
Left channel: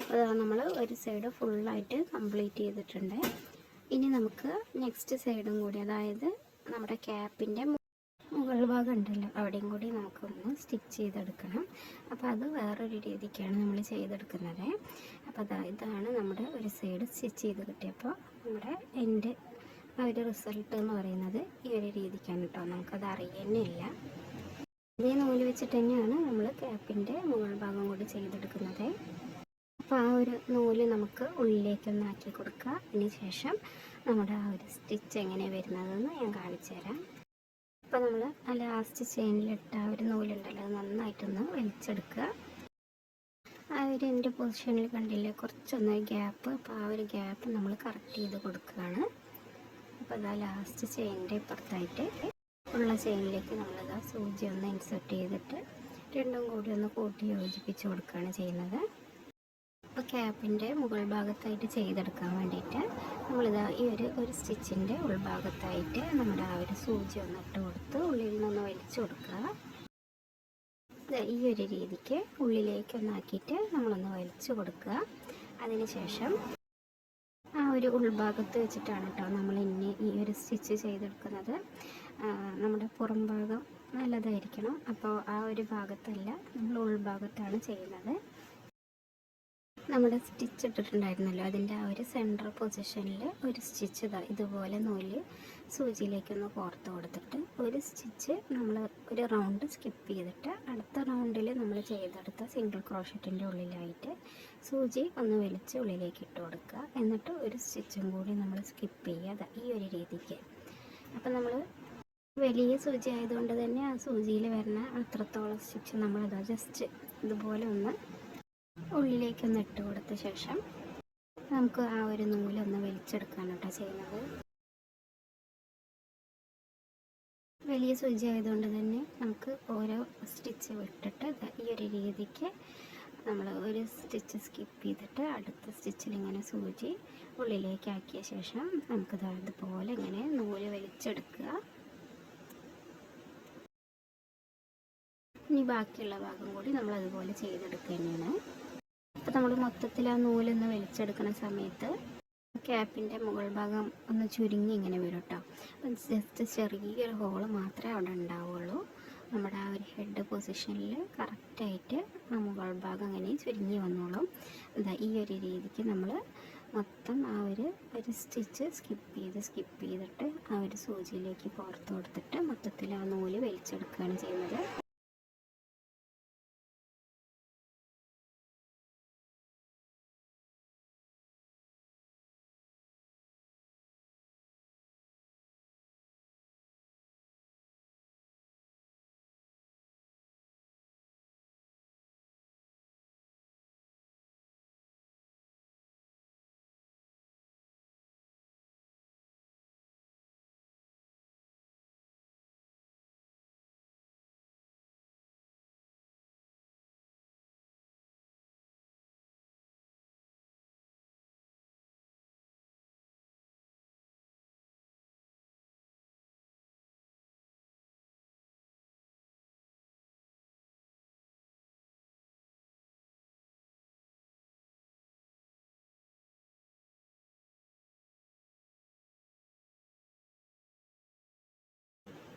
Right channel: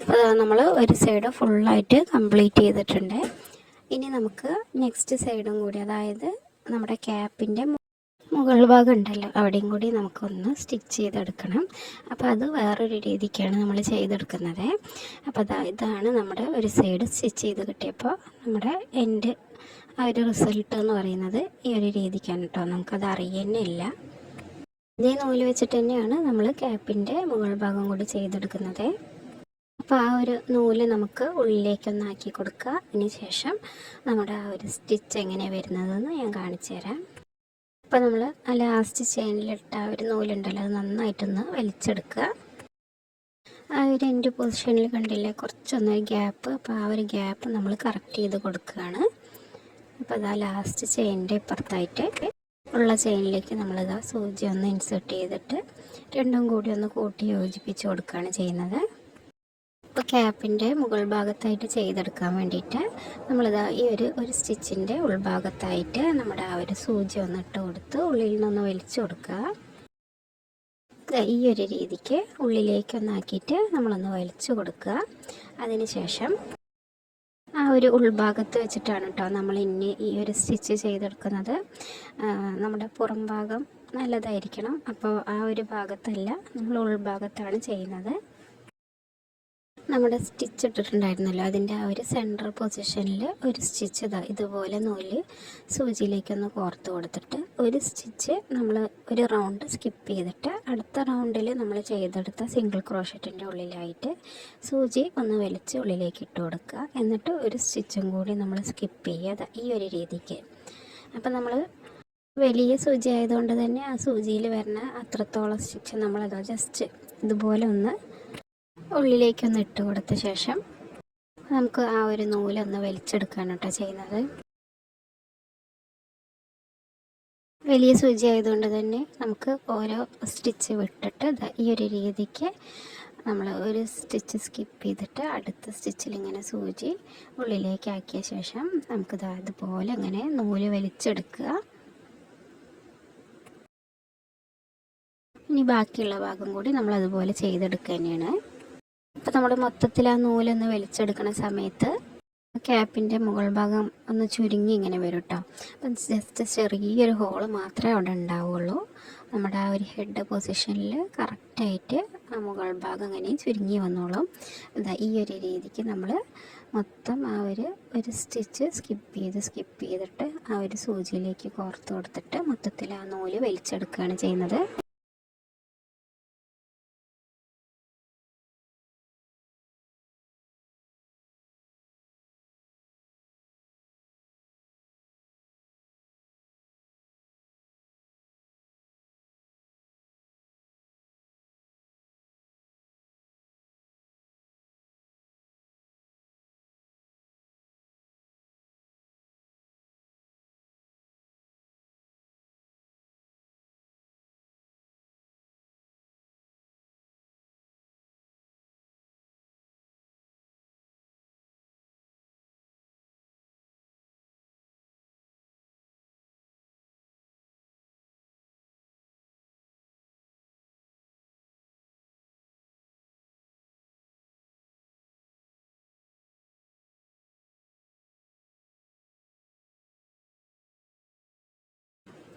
അപ്പോൾ അതാ നമ്മൾ ഒരു സൈഡ് ഫുള്ളായിട്ട് കംപ്ലീറ്റ് ചെയ്തിട്ടുണ്ട്. ഇനി നമുക്ക് നെക്സ്റ്റ് സൈഡും കൂടി, അതായത് നമ്മുടെ ക്യാപ്പിൻ്റെ മുകൾ ഭാഗം ഉണ്ടല്ലോ അവിടെയും കൂടി നമുക്കൊന്ന് സ്റ്റിച്ച് ചെയ്തെടുക്കണം. അപ്പോൾ അത് വേറൊരു രീതിക്കാണ് നമ്മൾ ചെയ്തെടുക്കുന്നത്. അപ്പോൾ ഇതാണ് നമ്മുടെ ഒരു സൈഡ് സ്റ്റിച്ച് ചെയ്ത് കിട്ടിയപ്പോൾ നമ്മുടെ എൻ്റെ ആ ഒരു റിസൾട്ട് എന്ന് പറയുന്നത് ഈ ഒരു രീതിക്കാണ് കേട്ടോ. നമുക്കത് അറിയുന്നില്ല. ഇതേ നൂല് വെച്ചിട്ട് തന്നെയാണ് നമ്മൾ ക്യാപ്പിൻ്റെ മുകൾ ഭാഗം കൂടി ചെയ്തെടുക്കുന്നത്. അപ്പോൾ ആ ഒരു നൂല് നമുക്ക് ഉള്ളിലേക്കൊന്നാക്കി കൊടുക്കുക. അതിന് ശേഷം നമ്മുടെ ആ ഒരു സ്റ്റിച്ച് എങ്ങനെ വരുന്നതെന്ന് ഞാൻ കാണിച്ചു തരാം. അപ്പോൾ നമ്മൾ ആ ലാസ്റ്റ് ചെയിനിലിട്ട ആ ഒരു നൂലുണ്ടല്ലോ അത് നന്നായിട്ടൊന്ന് വലിച്ചെടുക്കുക. ആ ഒരു എൻഡ് പൊസിഷനിൽ കണ്ടില്ലേ കുറച്ചൊന്ന് ഗ്യാപ്പ്, അപ്പോൾ ആ ഒരു ഗ്യാപ്പ് നമ്മൾ കറക്റ്റ് ചെയ്ത് കൊടുക്കുകയാണ്. അപ്പോൾ അതാ ലാസ്റ്റ് ചെയിനിൻ്റെ ഇപ്പുറത്തായിട്ട് ഉള്ള ചെയിനിലേക്ക് നമ്മളിതാ സൂചി ഒന്ന് ഇൻസേർട്ട് ചെയ്തിട്ട് രണ്ടും കൂടി ഒന്ന് കൂട്ടി യോജിപ്പിച്ച് കൊടുക്കുകയാണ് ചെയ്യുന്നത്. ഇപ്പോൾ ക്യാപ്പിൻ്റെ മുകൾ ഭാഗത്തായിട്ട് ചെയ്തെടുക്കാൻ വേണ്ടിയിട്ട് നമ്മളിതാ ഈ ഒരു സ്റ്റിച്ചിൻ്റെ ഉൾഭാഗത്തായിട്ട് നമ്മുടെ ആ ഒരു സൂചി ഒന്ന് ഇട്ട് കൊടുത്ത് ഉള്ളിൽ നിന്നൊന്ന് വലിച്ചു കൊടുക്കുക. ഈ ഒരു രീതിക്ക് ഉള്ളിലേക്കൊന്നാക്കിയിട്ട് നമ്മളൊന്ന് വലിച്ചു കൊടുക്കുക. അതിനുശേഷം ആ ഒരു ഉൾഭാഗത്ത് വെച്ചിട്ടാണ് കേട്ടോ നമ്മൾ ഇനി ഈ ഒരു സ്റ്റിച്ച് ചെയ്തെടുക്കുന്നത്. നമ്മുടെ പുറം ഭാഗം നല്ലതായിരിക്കണം. അപ്പോൾ ആ ഒരു ഭാഗത്തല്ല, നമ്മൾ ഉൾഭാഗത്താണ് ചെയ്യുന്നത്. നമ്മുടെ സ്റ്റിച്ച് ഇട്ടിട്ടുണ്ടായിരുന്നല്ലോ അതിൻ്റെ ആ ഒരു സെൻറ്റർ പൊസിഷനിൽ ഒരു സ്റ്റിച്ച് ഇതുപോലെ നൂല് സൂചിയിലേക്കൊന്ന് കോർത്ത് കൊടുത്തിട്ട് ഒരു സ്റ്റിച്ച് നമ്മൾ ഒരു റൗണ്ട് സ്കിപ്പ് ചെയ്തിട്ട് അടുത്ത റൗണ്ടിൽ നമ്മൾ ചെയ്തെടുത്ത സിംഗിൾ ക്രോഷറ്റിൻ്റെ ഉള്ളിലായിട്ട് സൂചി ഒന്ന് വലിച്ച് ഉള്ളിലേക്ക് ഇട്ട് കൊടുക്കുക. എന്നിട്ട് ഒരു സ്റ്റിച്ചും കൂടി നമ്മൾ സ്കിപ്പ് ചെയ്യുക ഈ ഒരു രീതിക്ക്. അപ്പം നമ്മൾ വലിയ സൂചി ആയതുകൊണ്ട് തന്നെ ആ സൂചിയിൽ വരുന്ന അത്രത്തോളം സ്റ്റിച്ച് നമ്മളത് ജസ്റ്റ് ഇതുപോലെ ഒന്ന് ഉള്ളിലേക്കൊന്ന് ഇട്ട് കൊടുത്ത ശേഷം നമുക്ക് ആ ഒരു നൂലൊന്ന് വലിച്ചെടുക്കുകയാണ് കേട്ടോ ചെയ്യുന്നത്. വലിയ സൂചി ആയതുകൊണ്ട് തന്നെ നമുക്ക് ഓരോ സ്റ്റിച്ച് വിട്ടിട്ട് ഈ ഒരു രീതിക്ക് നമ്മൾ ഒരു സ്റ്റിച്ച് സ്കിപ്പ് ചെയ്തിട്ട് അടുത്ത സ്റ്റിച്ചിൽ ഇങ്ങനെ സൂചി ഉള്ളിലേക്ക് ആക്കിയ ശേഷം നമുക്ക് ഇതുപോലെ ഇങ്ങനെ നൂല് വലിച്ചെടുക്കുക. ഇനി ബാക്കിയുള്ള ഭാഗം കൂടി നമ്മൾ അതുപോലെ ചെയ്തെടുക്കുക തന്നെയാണ്. അപ്പോൾ നമ്മൾ മൊത്തത്തിൽ ആ നൂലൊന്ന് വലിച്ചെടുക്കുന്ന സമയത്ത് ക്യാപ്പിൻ്റെ മുകൾ ഭാഗം ഒന്ന് ചുരുങ്ങി ഇങ്ങനെ വരും കേട്ടോ. അപ്പം ജസ്റ്റ് ചെറിയൊരു ഹോള് മാത്രമേ അവിടെ ഉണ്ടാവുള്ളൂ. നമ്മുടെ ആ ഒരു ഹെഡ് പൊസിഷനിൽ കറക്റ്റായിട്ട് ആ മുകൾ ഭാഗം അങ്ങനെ ചുരുങ്ങി വന്നോളും. ഈ ഒരു രീതിക്ക് നമ്മൾ മൊത്തം ആ ഒരു സ്റ്റിച്ച് സ്കിപ്പ് ചെയ്തിട്ട് ആ ഒരു സൂചിയിലേക്ക് കോർത്ത് കൊടുത്തിട്ട് മൊത്തത്തിൽ ആ നൂല് വലിച്ചെടുക്കുകയാണ് ചെയ്യുന്നത്.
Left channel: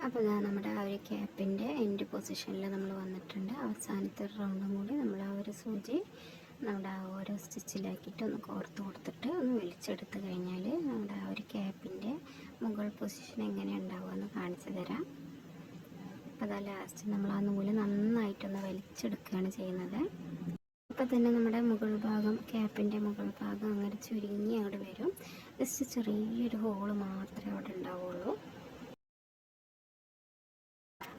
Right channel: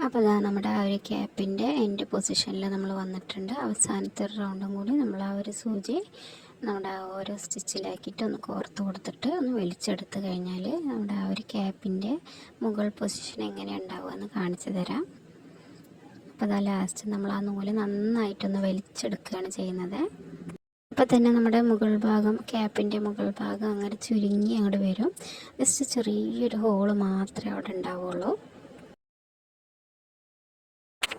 അപ്പോൾ അതാ നമ്മുടെ ആ ഒരു ക്യാപ്പിൻ്റെ എൻഡ് പൊസിഷനിൽ നമ്മൾ വന്നിട്ടുണ്ട്. അവസാനത്തെ ഒരു റൗണ്ടും കൂടി നമ്മൾ ആ ഒരു സൂചി നമ്മുടെ ആ ഓരോ സ്റ്റിച്ചിലാക്കിയിട്ട് ഒന്ന് കോർത്ത് കൊടുത്തിട്ട് ഒന്ന് വലിച്ചെടുത്ത് കഴിഞ്ഞാൽ നമ്മുടെ ആ ഒരു ക്യാപ്പിൻ്റെ മുകൾ പൊസിഷൻ എങ്ങനെ ഉണ്ടാവുക എന്ന് കാണിച്ചു തരാം. അപ്പോൾ അതാ ലാസ്റ്റ് നമ്മൾ ആ നൂല് നന്നായിട്ടൊന്ന് വലിച്ചെടുക്കുകയാണ് ചെയ്യുന്നത്. അപ്പോൾ തന്നെ നമ്മുടെ മുകൾ ഭാഗം, ക്യാപ്പിൻ്റെ മുകൾ ഭാഗം അങ്ങനെ ചുരുങ്ങി അങ്ങോട്ട് വരും. ജസ്റ്റ് ചെറിയൊരു ഹോള് മാത്രമേ അവിടെ ഉണ്ടാവുള്ളൂ.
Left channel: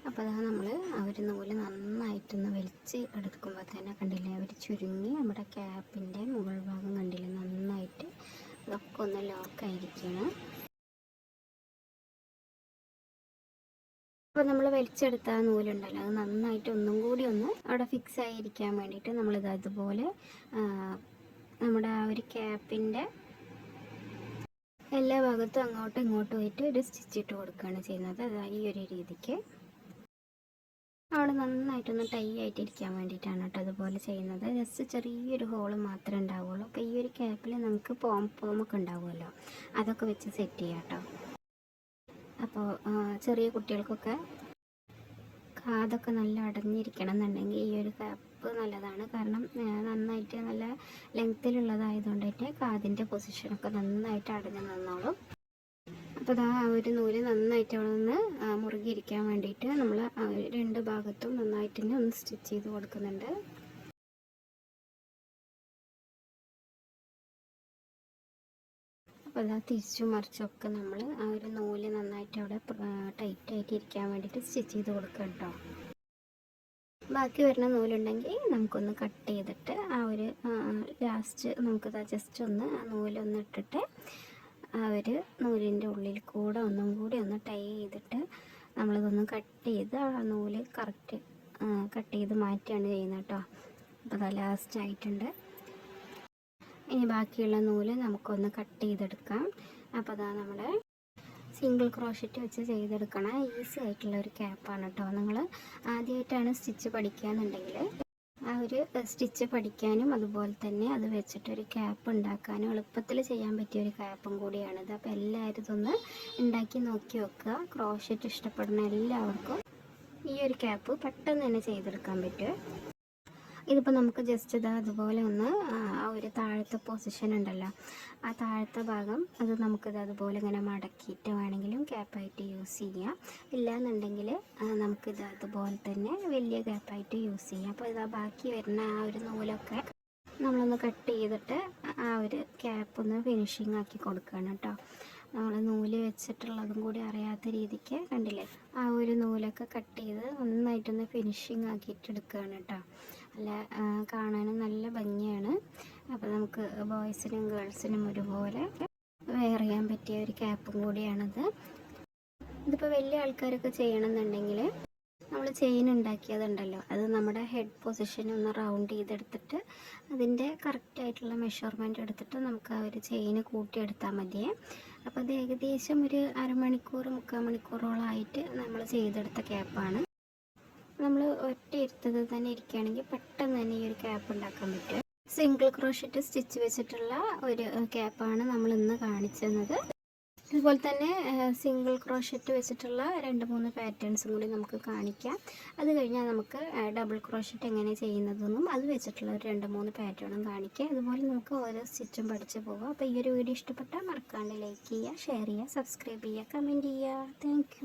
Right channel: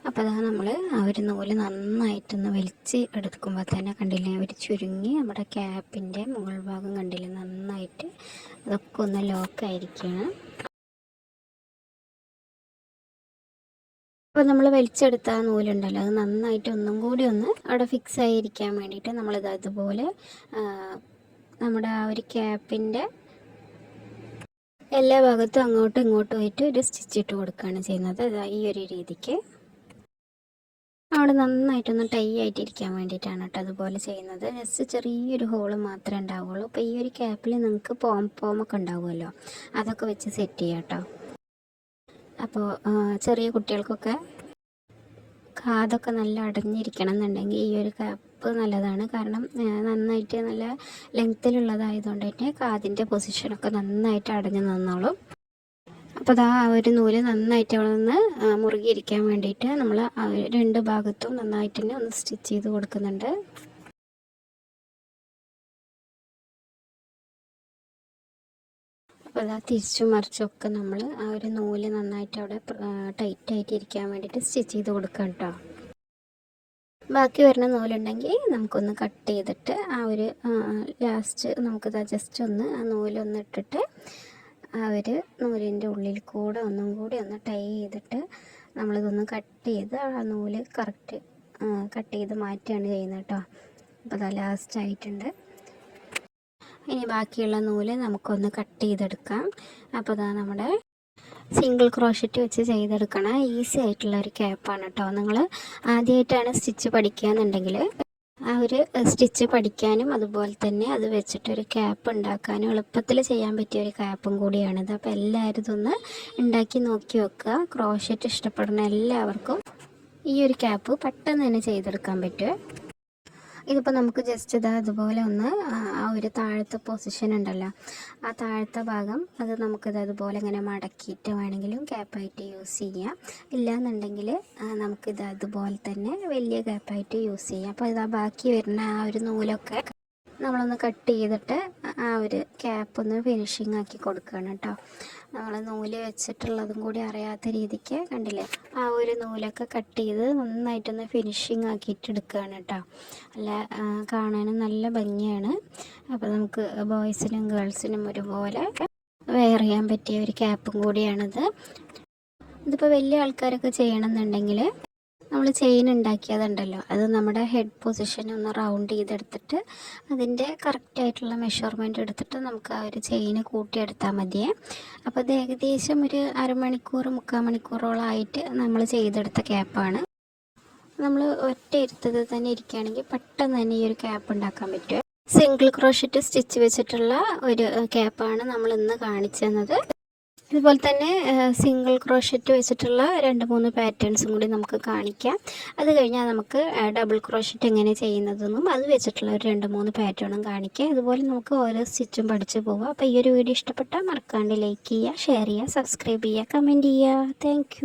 അപ്പോൾ അതാ നമ്മൾ ആ ഒരു നൂല് നന്നായിട്ടൊന്ന് വലിച്ച് എടുക്കുമ്പോൾ തന്നെ കണ്ടില്ലേ, ഒരു ചുരുങ്ങി നമ്മുടെ ക്യാപ്പിൻ്റെ മുകൾ ഭാഗം കണ്ടില്ലേ നന്നായിട്ട് അതൊക്കെ ഒന്ന് ലോക്കായിരിക്കണം. അപ്പോൾ നമ്മൾ വലിച്ചെടുത്ത ആ നൂലുണ്ടല്ലോ അത് നന്നായിട്ട് ഒന്നും കൂടി ഒന്ന് അവിടെ ഫിക്സ് ആയിരിക്കാൻ വേണ്ടിയിട്ട് നമ്മളിത് അതുപോലെ നമ്മുടെ ആ ഒരു ക്യാപ്പിൻ്റെ എല്ലാ ഭാഗത്തും അങ്ങോട്ടും ഇങ്ങോട്ടും ആയിട്ട് ഒരു സ്റ്റിച്ചിട്ട് കൊടുക്കുകയാണ് ചെയ്യുന്നത്. അത് ഈ ഒരു രീതിക്ക് അവിടെ നന്നായിട്ടൊന്ന് ടൈ ആയിട്ടിരിക്കാൻ വേണ്ടിയിട്ടാണ് കേട്ടോ അതുപോലെ ചെയ്യുന്നത്. ജസ്റ്റ് ചെറിയൊരു ഹോള് മാത്രമേ ഉണ്ടാവുള്ളൂ. അപ്പോൾ ഈ ഒരു ക്യാപ്പിൽ നമുക്ക് പോമൊക്കെ ഉണ്ടാവുമല്ലോ, അതൊക്കെ വെച്ച് സെറ്റ് ചെയ്യാം കേട്ടോ. അപ്പോൾ ചെറിയ കുട്ടികൾക്കൊക്കെ കാതൊക്കെ നല്ല അടഞ്ഞിരിക്കണം എന്നുണ്ടെങ്കിൽ ഈ ഒരു ക്യാപ്പ് നല്ലതാണ്. കാരണം നന്നായിട്ട് നല്ല ലെങ്ത്തിലുള്ളതായതുകൊണ്ട് തന്നെ കാതിൻ്റെ പൊസിഷനൊക്കെ നന്നായിട്ട് അടഞ്ഞു നിന്നോളും. അപ്പോൾ അതാ ആ ഒരു നൂല് നന്നായിട്ട് അവിടെ നിന്ന് മുറുകിയിരിക്കാൻ വേണ്ടിയിട്ട് നമ്മൾ രണ്ട് ഭാഗത്തും നന്നായിട്ട് തന്നെ ഒന്ന് സ്റ്റിച്ച് ചെയ്ത് കൊടുക്കുന്നുണ്ട്. അപ്പോൾ അതാ തിരിച്ചും മറിച്ചൊക്കെ നമ്മൾ ആ ഒരു നൂല് നന്നായിട്ട് അവിടെ ടൈറ്റായിട്ട് ഇരിക്കാൻ വേണ്ടിയിട്ട് സ്റ്റിച്ച് ചെയ്ത് കൊടുക്കാം കേട്ടോ. ബാക്കി വരുന്ന നൂലുണ്ടെങ്കിൽ നമുക്കൊന്ന് കട്ട് ചെയ്തിട്ട് ആ ഒരു ലാസ്റ്റ് നമുക്കത് ജസ്റ്റ് ഒന്ന് ആ നൂലൊന്ന് ഇട്ടിട്ട് ആ ഒരു നൂലിൻ്റെ ഉള്ളിൽ കൂടെ ഒന്നും കൂടി ഒന്ന് ടൈ ചെയ്തിട്ട് നമ്മളിതൊന്ന് കട്ട് ചെയ്ത് ആ നൂല് കറക്റ്റ് കട്ട് ചെയ്ത് മാറ്റുകയാണ് ചെയ്യുന്നത് കേട്ടോ. അപ്പോൾ അത് ലാസ്റ്റ് ആയിട്ടുണ്ട്. ഇനി ബാക്കിയുള്ള നൂല് നമുക്കൊന്ന് കട്ട് ചെയ്തെടുക്കാം. അപ്പോൾ അതാ നമ്മുടെ സിംഗിൾ ക്രോഷറ്റ് വെച്ച് ചെയ്തെടുക്കണ ഈസി ആയിട്ടുള്ള ഒരു ക്യാപ്പാണ് കേട്ടോ. നിങ്ങൾ ആദ്യമായിട്ടാണ് സ്റ്റിച്ച് പഠിക്കുകയെന്നുണ്ടെങ്കിൽ ആ ഒരു സ്റ്റിച്ച് പഠിക്കാനും അതുപോലെ തന്നെ അത് വെച്ചിട്ടൊരു ക്യാപ്പ് ഉണ്ടാക്കാനും എളുപ്പത്തിൽ ചെയ്യാൻ പറ്റിയ ഒരു ക്യാപ്പും കൂടിയാണിത്. അപ്പോൾ എല്ലാവരും ഇതൊന്ന് ഉണ്ടാക്കി നോക്കി വെക്കുക. ക്രോഷറ്റ് ഇഷ്ടപ്പെടുന്ന എല്ലാവർക്കും ഈ ഒരു ക്യാപ്പ് പെട്ടെന്ന് തന്നെ ചെയ്തെടുക്കാൻ പറ്റും. ഇതിപ്പോൾ നമുക്ക് ജസ്റ്റ് ഇത് അതുപോലെ ഒന്ന് ആ ഒരു താഴത്തെ പൊസിഷൻ ഉണ്ടല്ലോ, ആ താഴത്തെ ഭാഗം അത് നമുക്കിത് അതുപോലെ ഇങ്ങനെ മടക്കിയിട്ട് വേണമെങ്കിലും ക്യാപ്പായിട്ട് യൂസ് ചെയ്യാം. ഇല്ലയെന്നുണ്ടെങ്കിൽ നമുക്കിത് അതുപോലെ തന്നെ വലിയ ക്യാപ്പായിട്ട് യൂസ് ചെയ്യാം. അപ്പോൾ ഇതാ ബാക്കി വരുന്ന ആ ഒരു നൂലൊക്കെ നമ്മളൊന്ന് കട്ട് ചെയ്തിട്ട് ആ ഒരു ക്യാപ്പൊന്ന് ഫിനിഷിങ് ആക്കി കൊടുക്കുകയാണ് കേട്ടോ. നമ്മൾ നൂല് വെച്ചിട്ടുള്ളതും കൂടി അറിയാത്ത രീതിക്ക് കണ്ടില്ലേ, ആ ഒരു നൂലൊക്കെ കട്ട് ചെയ്ത് നന്നായിട്ടൊന്ന് ഫിനിഷിങ് ആക്കിയിട്ട് എടുക്കുകയാണ് കേട്ടോ. അല്ല കാണാനും നല്ല ഭംഗിയാണ്. അപ്പോൾ നമുക്ക് ബോയ്സിനും ഗേൾസിനും ഒരുപോലെ വെയർ ചെയ്യാൻ പറ്റിയ ഒരു ക്യാപ്പും കൂടിയാണിത്. ഇതിപ്പോൾ വലിയ ആൾക്കാരൊക്കെ ചെയ്യണമെന്നുണ്ടെങ്കിൽ നമ്മൾ ചെയിൻ ഉണ്ടാക്കിയതുണ്ടല്ലോ, അത് നമ്മുടെ ഹെഡ് പൊസിഷൻ ഒന്ന് റൗണ്ട് ചെയ്തെടുത്തിട്ട് അതിൻ്റെ കറക്റ്റായിട്ടുള്ള മെഷർമെൻറ്റ് എടുത്തിട്ട് നമുക്ക് ആ ഒരു ചെയിന് കൂട്ടിയെടുത്താൽ മതിയേ. അപ്പോൾ അത് ഏകദേശം ഒരു അരമണിക്കൂർ 3/4 മണിക്കൂറോളമായിട്ട് നമ്മൾ ചെയ്തെടുത്ത ക്യാപ്പാണ്. നമ്മൾ ഒറ്റ ഇരുത്തത് തന്നെ ഇരിക്കുകയാണെങ്കിൽ പെട്ടെന്ന് തന്നെ ഈ ഒരു ക്യാപ്പ് ഉണ്ടാക്കാൻ പറ്റും. സിംഗിൾ ക്രോഷറ്റ് സ്റ്റിച്ച് വെച്ചിട്ടുള്ള ഒരു ക്യാപ്പാണ് നമ്മൾ ഇന്ന് കാണിച്ചു തന്നത്. ഇതുപോലെ തന്നെ സിംഗിൾ ക്രോഷറ്റ് വെച്ചിട്ടുള്ള 2-3 പാറ്റേൺസും കൂടി നമുക്ക് കാണിക്കാം. അത് കഴിഞ്ഞാൽ നമുക്ക് ഡബിൾ ക്രോഷറ്റ് എങ്ങനെ ചെയ്യുന്നതെന്നും അത് വെച്ചിട്ടുള്ള ഒരു 2-3 പാറ്റേണും കാണിക്കാം. ഇതുപോലെ നമുക്ക് ഓരോ സ്റ്റിച്ചും പഠിച്ചു പോകാം. അപ്പോൾ ഈ ഒരു വീഡിയോ ഇഷ്ടപ്പെട്ടാൽ മറക്കാണ്ട് ലൈക്ക് ചെയ്യുക, ഷെയർ ചെയ്യുക, സബ്സ്ക്രൈബ് ചെയ്യുക, കമൻറ്റ് ചെയ്യുക. താങ്ക്